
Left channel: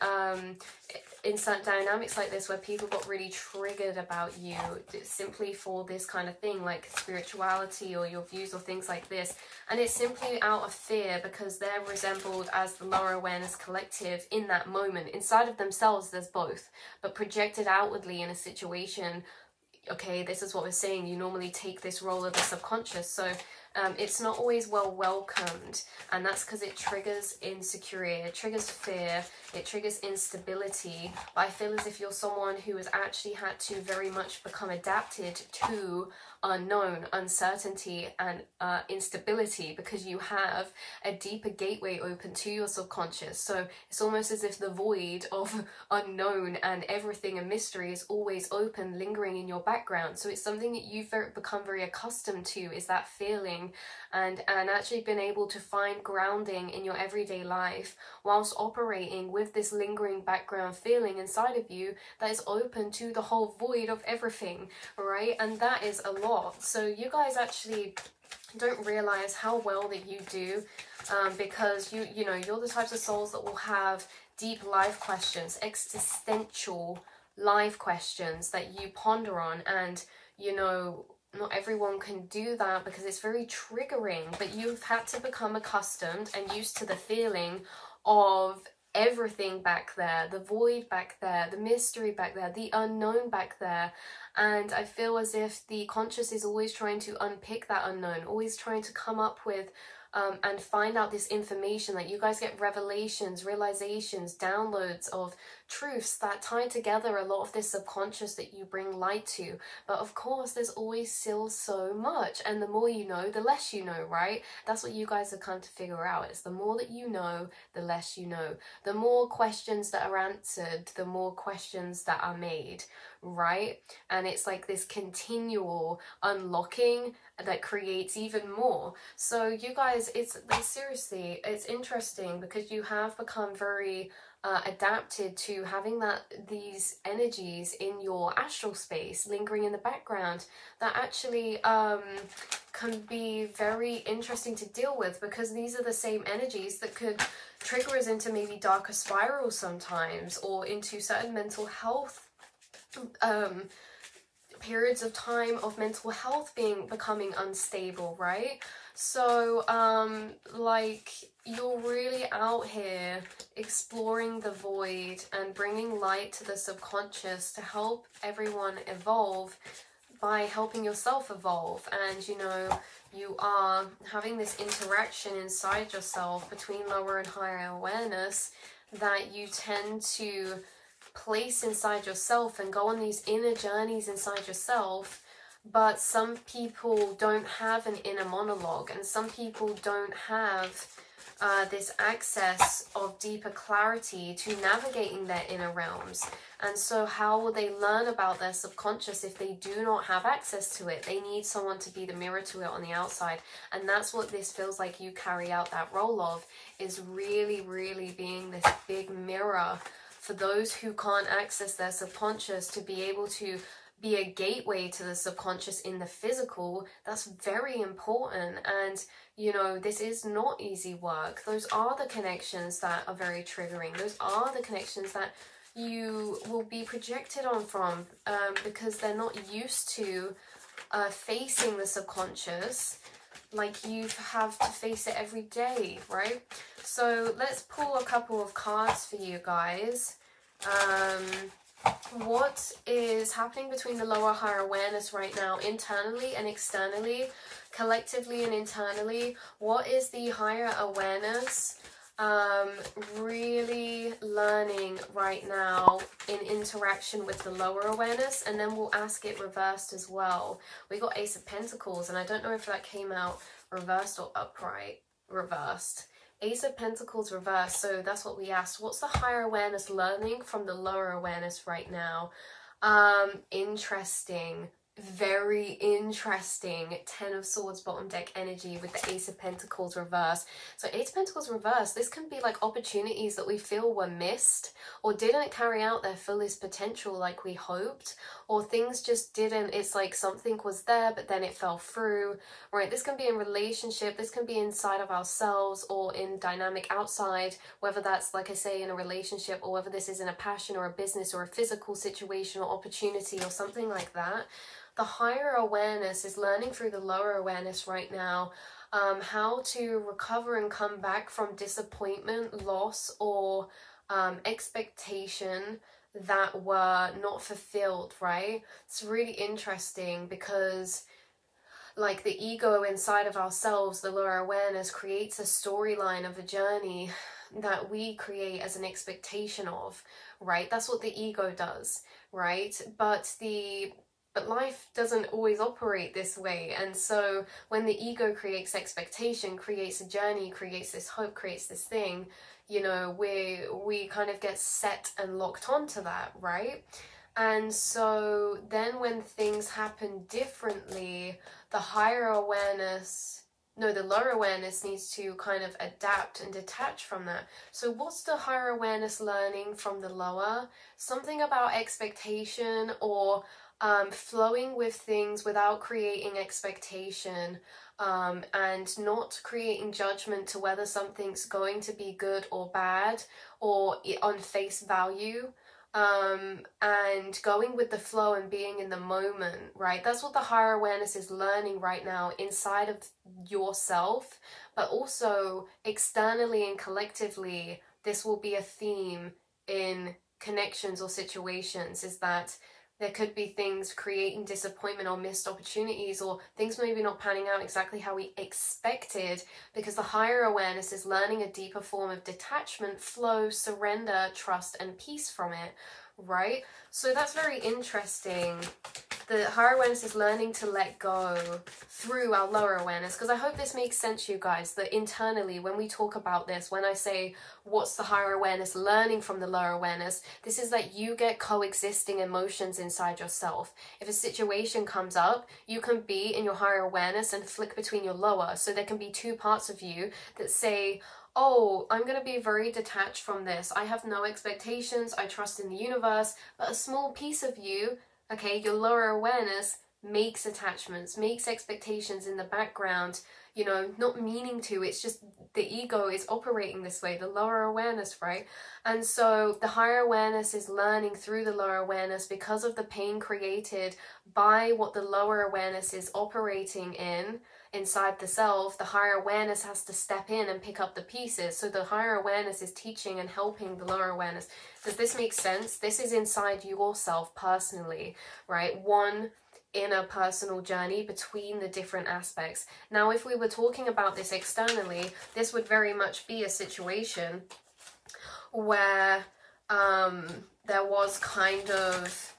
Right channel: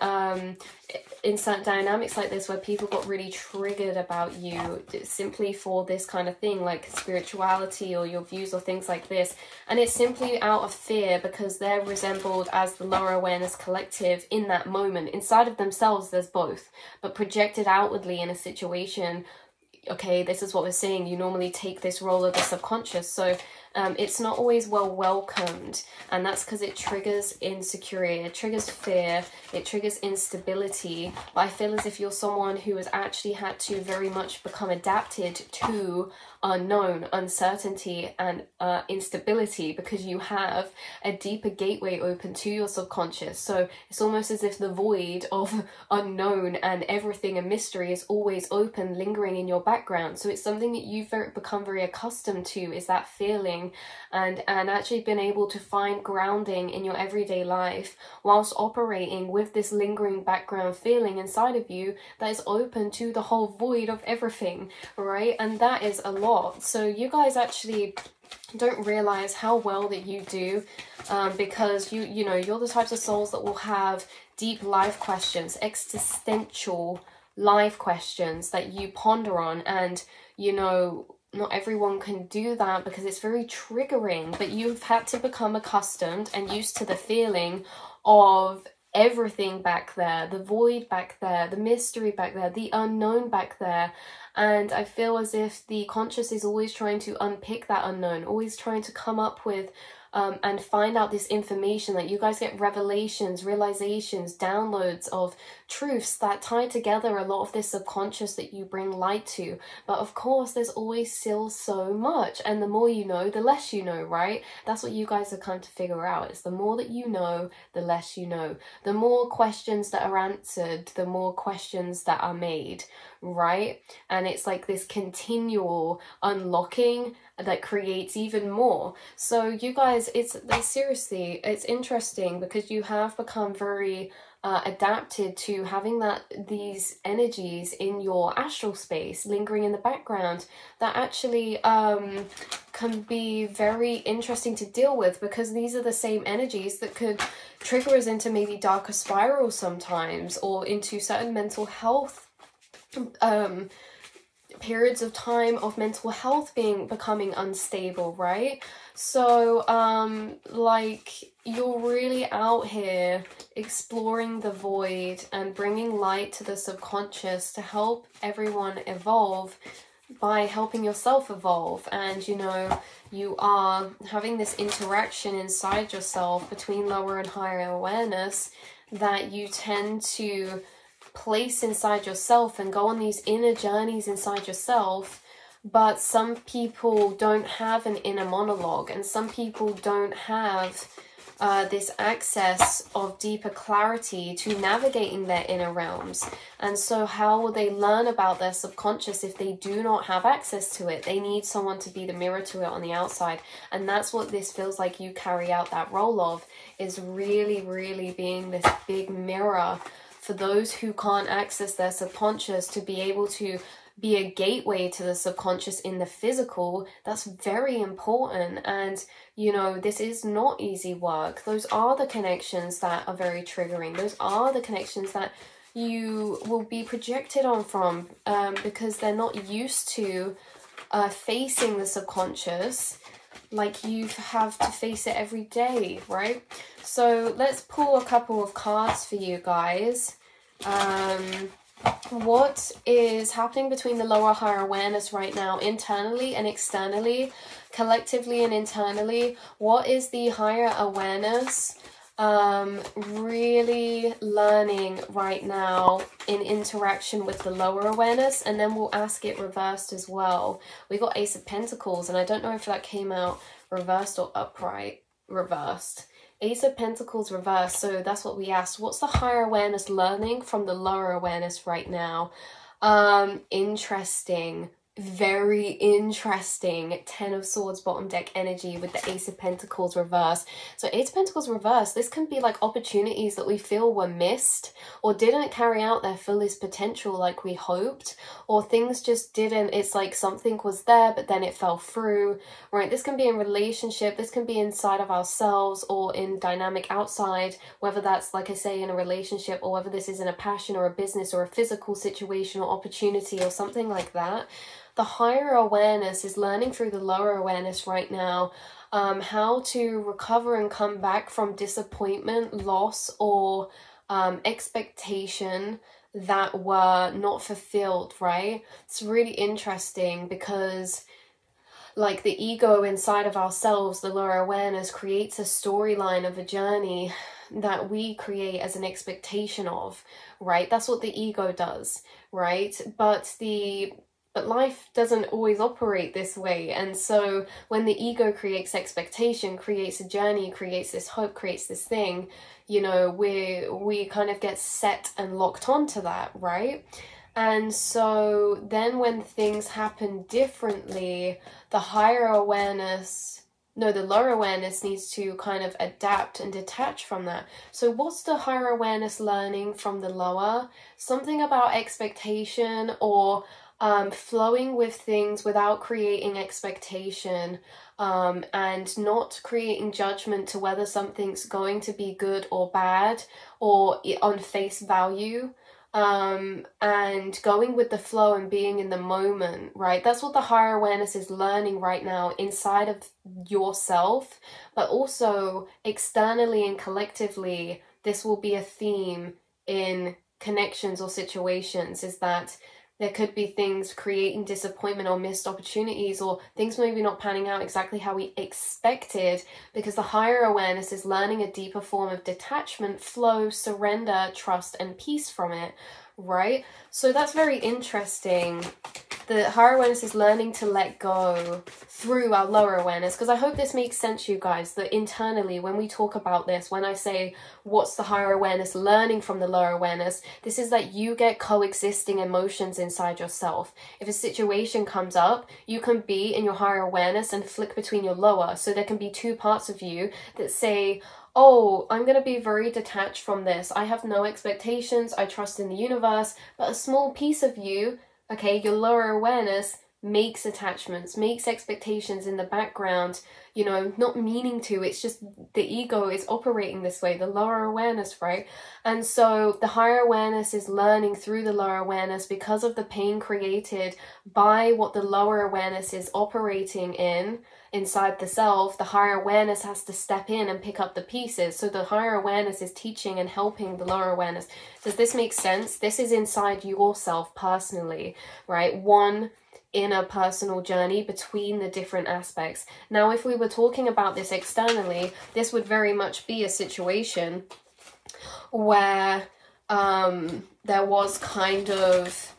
in certain dynamics like this where people got really triggered about you simply for this kind of thing, like spirituality or your views or things like this, and it's simply out of fear because they're resembled as the lower awareness collective in that moment. Inside of themselves there's both, but projected outwardly in a situation, okay, this is what we're saying, you normally take this role of the subconscious, so it's not always well welcomed, and that's because it triggers insecurity, it triggers fear, it triggers instability. But I feel as if you're someone who has actually had to very much become adapted to unknown, uncertainty, and instability, because you have a deeper gateway open to your subconscious. So it's almost as if the void of unknown and everything a mystery is always open, lingering in your background. So it's something that you've become very accustomed to, is that feeling, and actually been able to find grounding in your everyday life whilst operating with this lingering background feeling inside of you that is open to the whole void of everything, right? And that is a lot. So you guys actually don't realize how well that you do, because you know, you're the types of souls that will have deep life questions, existential life questions that you ponder on, and you know, not everyone can do that because it's very triggering, but you've had to become accustomed and used to the feeling of everything back there, the void back there, the mystery back there, the unknown back there. And I feel as if the conscious is always trying to unpick that unknown, always trying to come up with and find out this information, that you guys get revelations, realizations, downloads of truths that tie together a lot of this subconscious that you bring light to. But of course, there's always still so much, and the more you know, the less you know, right? That's what you guys have come to figure out. It's the more that you know, the less you know. The more questions that are answered, the more questions that are made, right? And it's like this continual unlocking that creates even more. So you guys, it's seriously, it's interesting because you have become very adapted to having these energies in your astral space lingering in the background that actually can be very interesting to deal with, because these are the same energies that could trigger us into maybe darker spirals sometimes, or into certain mental health periods of time of mental health becoming unstable, right? So like, you're really out here exploring the void and bringing light to the subconscious to help everyone evolve by helping yourself evolve. And you know, you are having this interaction inside yourself between lower and higher awareness that you tend to place inside yourself and go on these inner journeys inside yourself. But some people don't have an inner monologue, and some people don't have this access of deeper clarity to navigating their inner realms. And so how will they learn about their subconscious if they do not have access to it? They need someone to be the mirror to it on the outside. And that's what this feels like you carry out that role of, is really, really being this big mirror for those who can't access their subconscious, to be able to be a gateway to the subconscious in the physical. That's very important. And you know, this is not easy work. Those are the connections that are very triggering. Those are the connections that you will be projected on from, because they're not used to facing the subconscious like you have to face it every day, right? So let's pull a couple of cards for you guys What is happening between the lower higher awareness right now, internally and externally, collectively and internally? What is the higher awareness really learning right now in interaction with the lower awareness? And then we'll ask it reversed as well. We got Ace of Pentacles, and I don't know if that came out reversed or upright. Reversed. Ace of Pentacles reversed. So that's what we asked. What's the higher awareness learning from the lower awareness right now? Interesting. Very interesting. 10 of Swords bottom deck energy with the Ace of Pentacles reverse. So Ace of Pentacles reverse, this can be like opportunities that we feel were missed or didn't carry out their fullest potential like we hoped, or things just didn't. It's like something was there but then it fell through, right? This can be in relationship, this can be inside of ourselves or in dynamic outside, whether that's, like I say, in a relationship, or whether this is in a passion or a business or a physical situation or opportunity or something like that. The higher awareness is learning through the lower awareness right now how to recover and come back from disappointment, loss, or expectation that were not fulfilled, right? It's really interesting because like the ego inside of ourselves, the lower awareness, creates a storyline of a journey that we create as an expectation of, right? That's what the ego does, right? But life doesn't always operate this way. And so when the ego creates expectation, creates a journey, creates this hope, creates this thing, you know, we kind of get set and locked onto that, right? And so then when things happen differently, the higher awareness, no, the lower awareness needs to kind of adapt and detach from that. So what's the higher awareness learning from the lower? Something about expectation, or flowing with things without creating expectation, and not creating judgment to whether something's going to be good or bad or on face value, and going with the flow and being in the moment, right? That's what the higher awareness is learning right now inside of yourself, but also externally and collectively. This will be a theme in connections or situations, is that there could be things creating disappointment or missed opportunities, or things maybe not panning out exactly how we expected, because the higher awareness is learning a deeper form of detachment, flow, surrender, trust, and peace from it, right? So that's very interesting. The higher awareness is learning to let go through our lower awareness, because I hope this makes sense, you guys, that internally when we talk about this, when I say what's the higher awareness learning from the lower awareness, this is that you get coexisting emotions inside yourself. If a situation comes up, you can be in your higher awareness and flick between your lower. So there can be two parts of you that say, oh, I'm going to be very detached from this. I have no expectations. I trust in the universe. But a small piece of you, okay, your lower awareness, makes attachments, makes expectations in the background, you know, not meaning to. It's just the ego is operating this way, the lower awareness, right? And so the higher awareness is learning through the lower awareness, because of the pain created by what the lower awareness is operating in inside the self. The higher awareness has to step in and pick up the pieces. So the higher awareness is teaching and helping the lower awareness. Does this make sense? This is inside yourself personally, right? One inner personal journey between the different aspects. Now, if we were talking about this externally, this would very much be a situation where there was kind of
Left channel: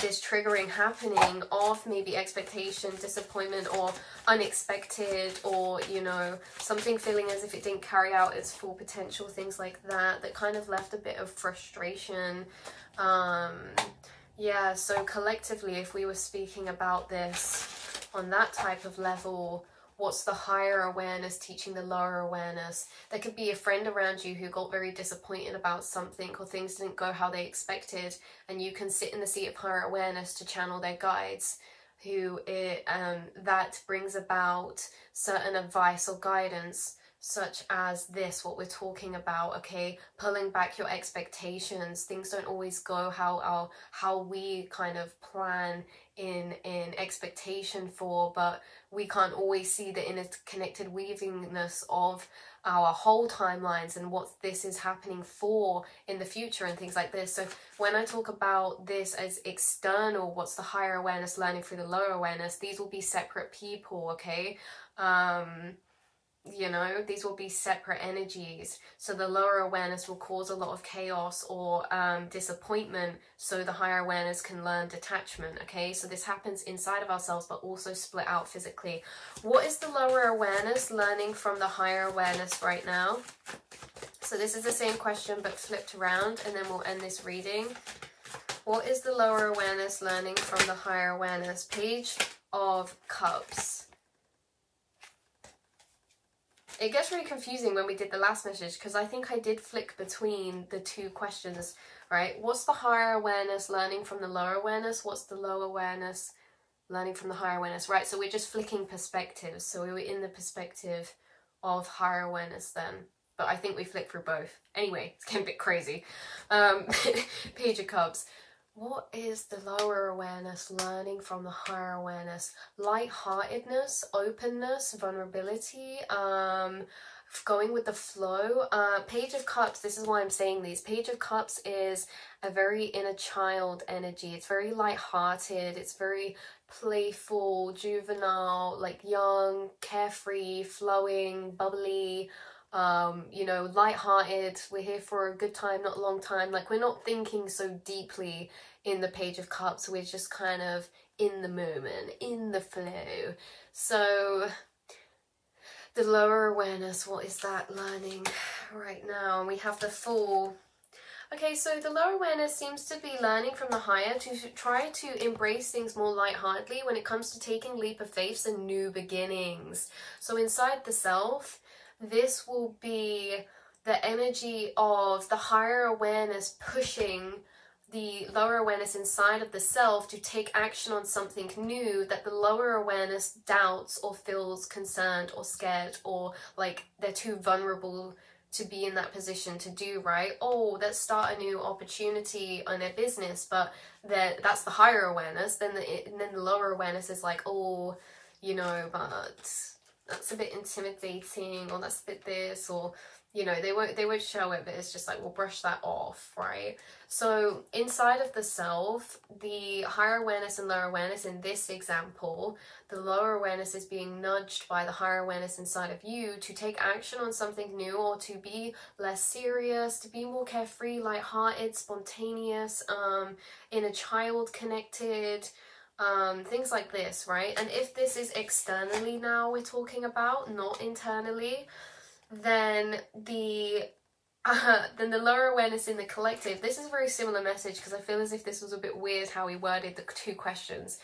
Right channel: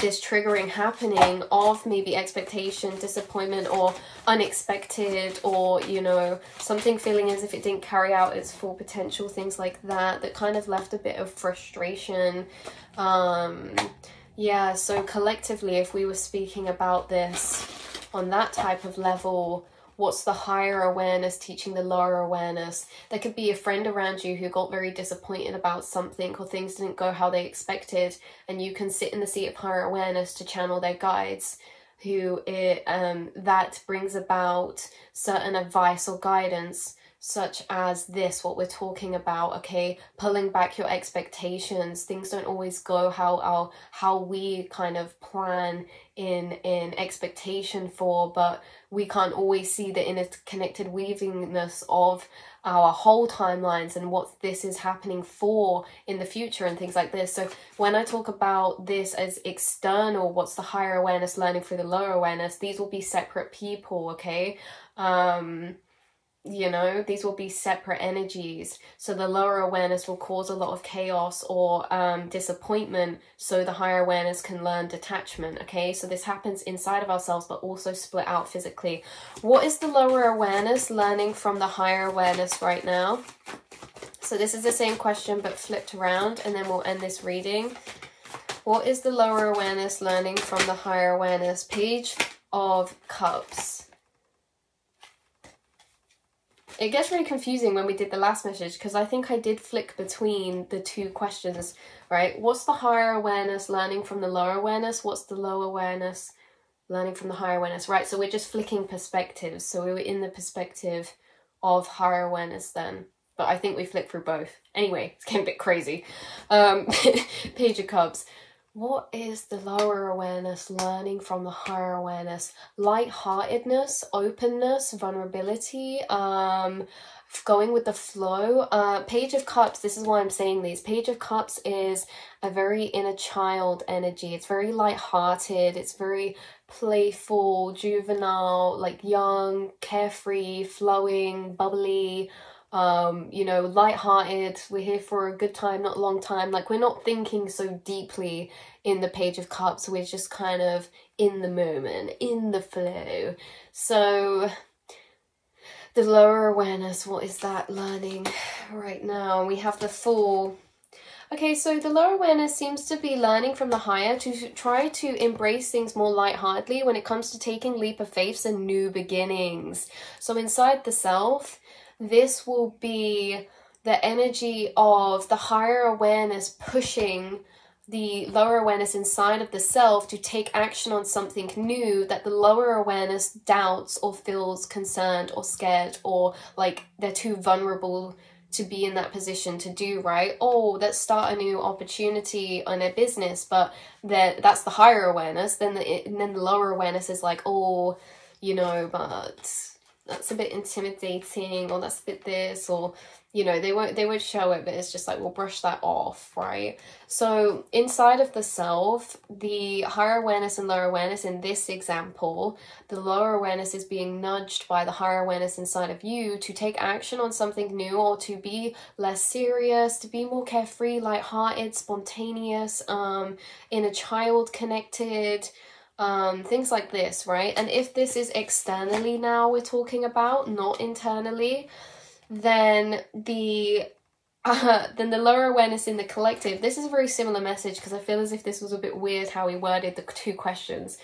this triggering happening of maybe expectation, disappointment, or unexpected, or, you know, something feeling as if it didn't carry out its full potential, things like that, that kind of left a bit of frustration. Yeah, so collectively, if we were speaking about this on that type of level, what's the higher awareness teaching the lower awareness? There could be a friend around you who got very disappointed about something, or things didn't go how they expected, and you can sit in the seat of higher awareness to channel their guides, who that brings about certain advice or guidance. such as this, what we're talking about, okay? Pulling back your expectations. Things don't always go how we kind of plan in expectation for, but we can't always see the interconnected weavingness of our whole timelines and what this is happening for in the future and things like this. So when I talk about this as external, what's the higher awareness learning through the lower awareness, these will be separate people, okay? You know, these will be separate energies. So the lower awareness will cause a lot of chaos or disappointment, so the higher awareness can learn detachment, okay? So this happens inside of ourselves, but also split out physically. What is the lower awareness learning from the higher awareness right now? So this is the same question, but flipped around, and then we'll end this reading. What is the lower awareness learning from the higher awareness? Page of Cups. It gets really confusing when we did the last message, because I think I did flick between the two questions, right? What's the higher awareness learning from the lower awareness? What's the lower awareness learning from the higher awareness, right? So we're just flicking perspectives. So we were in the perspective of higher awareness then, but I think we flicked through both. Anyway, it's getting a bit crazy. Page of Cups. What is the lower awareness learning from the higher awareness? Lightheartedness, openness, vulnerability, going with the flow. Page of Cups, this is why I'm saying these. Page of Cups is a very inner child energy. It's very lighthearted. It's very playful, juvenile, like young, carefree, flowing, bubbly. You know, lighthearted. We're here for a good time, not a long time. Like, we're not thinking so deeply in the Page of Cups. We're just kind of in the moment, in the flow. So the lower awareness, what is that learning right now? We have the Fool. Okay, so the lower awareness seems to be learning from the higher to try to embrace things more lightheartedly when it comes to taking leap of faith and new beginnings. So inside the self, this will be the energy of the higher awareness pushing the lower awareness inside of the self to take action on something new that the lower awareness doubts or feels concerned or scared, or like they're too vulnerable to be in that position to do, right? Oh, let's start a new opportunity on their business, but that's the higher awareness. Then the lower awareness is like, oh, you know, but that's a bit intimidating, or that's a bit this, or, you know, they won't show it, but it's just like, we'll brush that off, right? So inside of the self, the higher awareness and lower awareness in this example, the lower awareness is being nudged by the higher awareness inside of you to take action on something new, or to be less serious, to be more carefree, lighthearted, spontaneous, inner child connected, things like this, right? And if this is externally now we're talking about, not internally, then the lower awareness in the collective, this is a very similar message, because I feel as if this was a bit weird how we worded the two questions,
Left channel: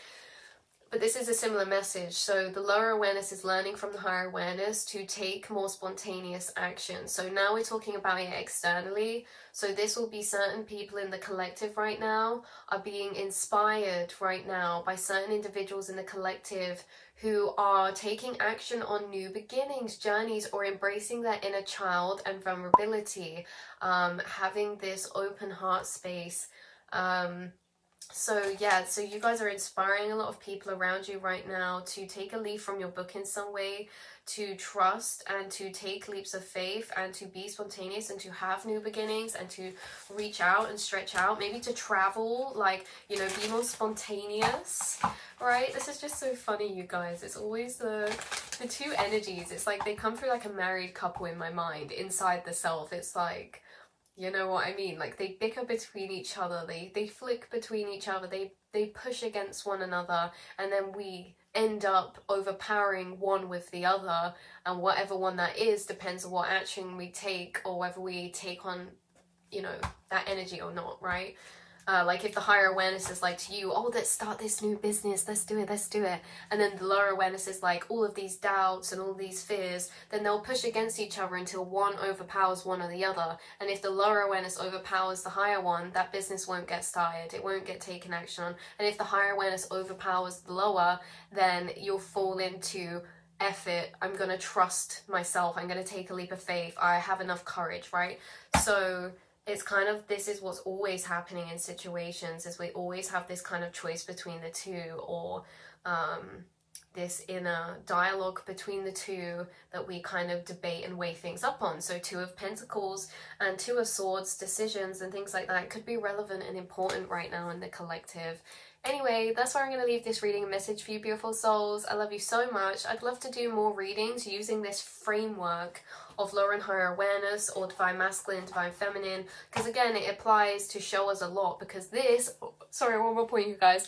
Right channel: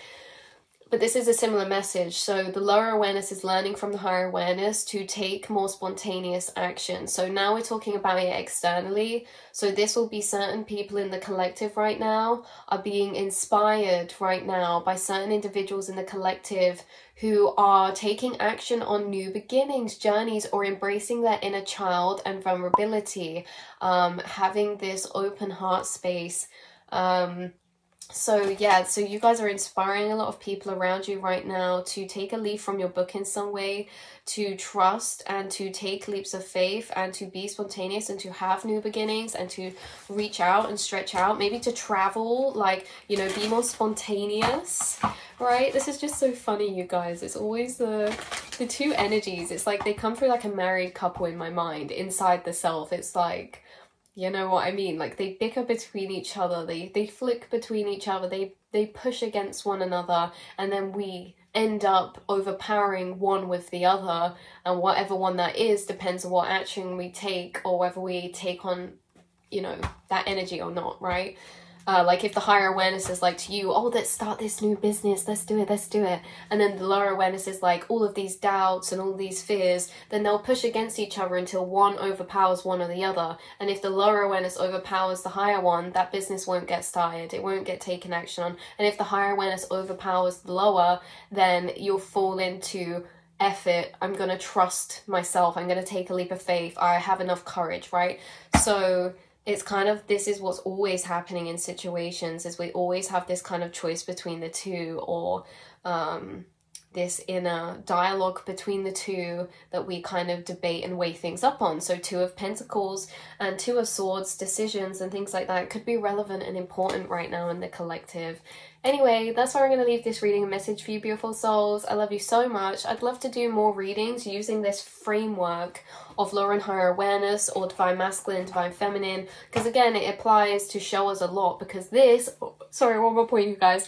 but this is a similar message. So the lower awareness is learning from the higher awareness to take more spontaneous action. So now we're talking about it externally. So this will be certain people in the collective right now are being inspired right now by certain individuals in the collective who are taking action on new beginnings, journeys, or embracing their inner child and vulnerability, having this open heart space. So yeah, so you guys are inspiring a lot of people around you right now to take a leaf from your book in some way, to trust and to take leaps of faith and to be spontaneous and to have new beginnings and to reach out and stretch out, maybe to travel, like, you know, be more spontaneous, right? This is just so funny, you guys. It's always the two energies. It's like they come through like a married couple in my mind inside the self. It's like, you know what I mean? Like, they bicker between each other, they flick between each other, they push against one another, and then we end up overpowering one with the other, and whatever one that is depends on what action we take, or whether we take on, you know, that energy or not, right? Like, if the higher awareness is like to you, oh, let's start this new business, let's do it, and then the lower awareness is like all of these doubts and all these fears, then they'll push against each other until one overpowers one or the other. And if the lower awareness overpowers the higher one, that business won't get started, it won't get taken action on. And if the higher awareness overpowers the lower, then you'll fall into F it, I'm gonna trust myself, I'm gonna take a leap of faith, I have enough courage, right? So it's kind of, this is what's always happening in situations, is we always have this kind of choice between the two, or this inner dialogue between the two that we kind of debate and weigh things up on. So Two of Pentacles and Two of Swords decisions and things like that could be relevant and important right now in the collective. Anyway, that's where I'm going to leave this reading. A message for you, beautiful souls. I love you so much. I'd love to do more readings using this framework of lower and higher awareness, or divine masculine, divine feminine, because again, it applies to show us a lot, because this, sorry, one more point, you guys.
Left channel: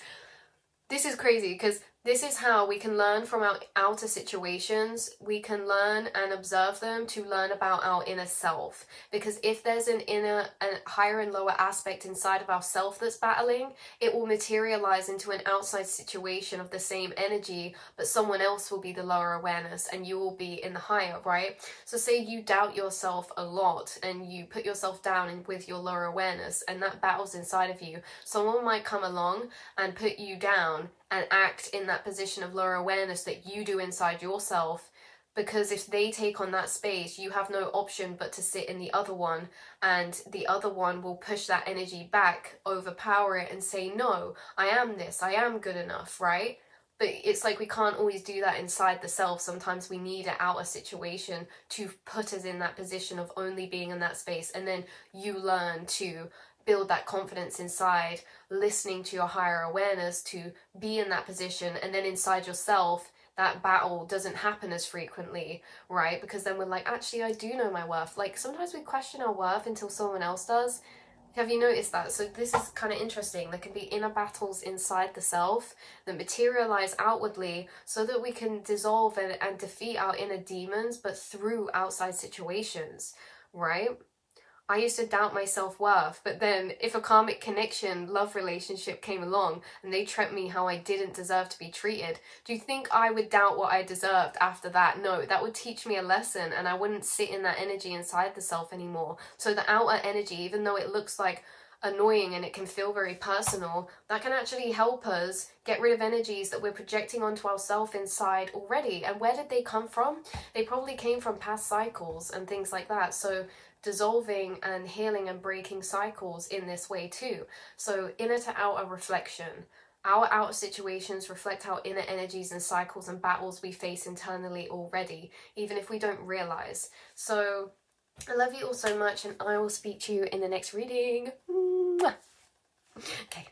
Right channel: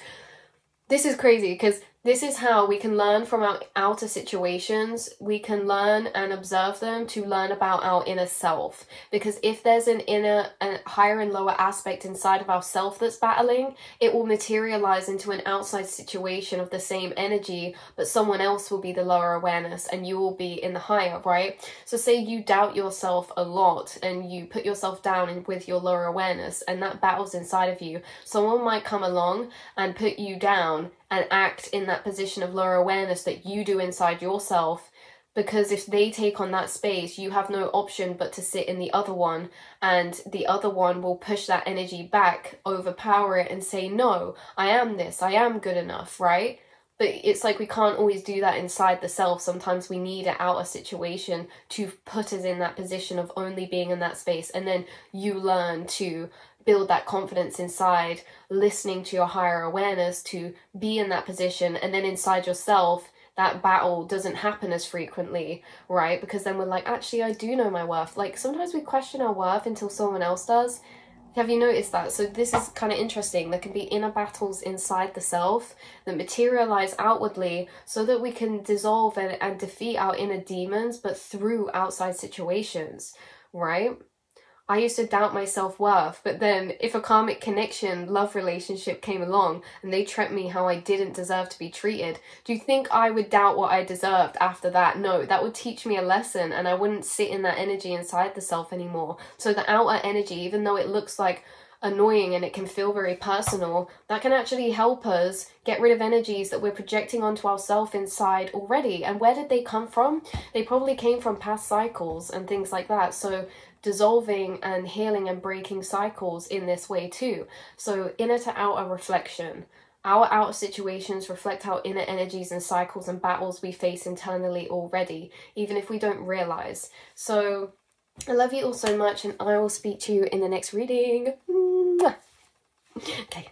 This is crazy, because this is how we can learn from our outer situations. We can learn and observe them to learn about our inner self. Because if there's an inner and higher and lower aspect inside of ourself that's battling, it will materialize into an outside situation of the same energy, but someone else will be the lower awareness and you will be in the higher, right? So say you doubt yourself a lot and you put yourself down with your lower awareness, and that battles inside of you. Someone might come along and put you down and act in that position of lower awareness that you do inside yourself, because if they take on that space, you have no option but to sit in the other one, and the other one will push that energy back, overpower it, and say, no, I am this, I am good enough, right? But it's like we can't always do that inside the self. Sometimes we need an outer situation to put us in that position of only being in that space, and then you learn to build that confidence inside, listening to your higher awareness to be in that position, and then inside yourself, that battle doesn't happen as frequently, right? Because then we're like, actually, I do know my worth. Like, sometimes we question our worth until someone else does. Have you noticed that? So this is kind of interesting. There can be inner battles inside the self that materialize outwardly so that we can dissolve and defeat our inner demons, but through outside situations, right? I used to doubt my self-worth, but then if a karmic connection, love relationship came along and they treat me how I didn't deserve to be treated, do you think I would doubt what I deserved after that? No, that would teach me a lesson, and I wouldn't sit in that energy inside the self anymore. So the outer energy, even though it looks like annoying and it can feel very personal, that can actually help us get rid of energies that we're projecting onto ourselves inside already. And where did they come from? They probably came from past cycles and things like that. So dissolving and healing and breaking cycles in this way too. So inner to outer reflection. Our outer situations reflect our inner energies and cycles and battles we face internally already, even if we don't realize. So I love you all so much, and I will speak to you in the next reading. Mwah. Okay.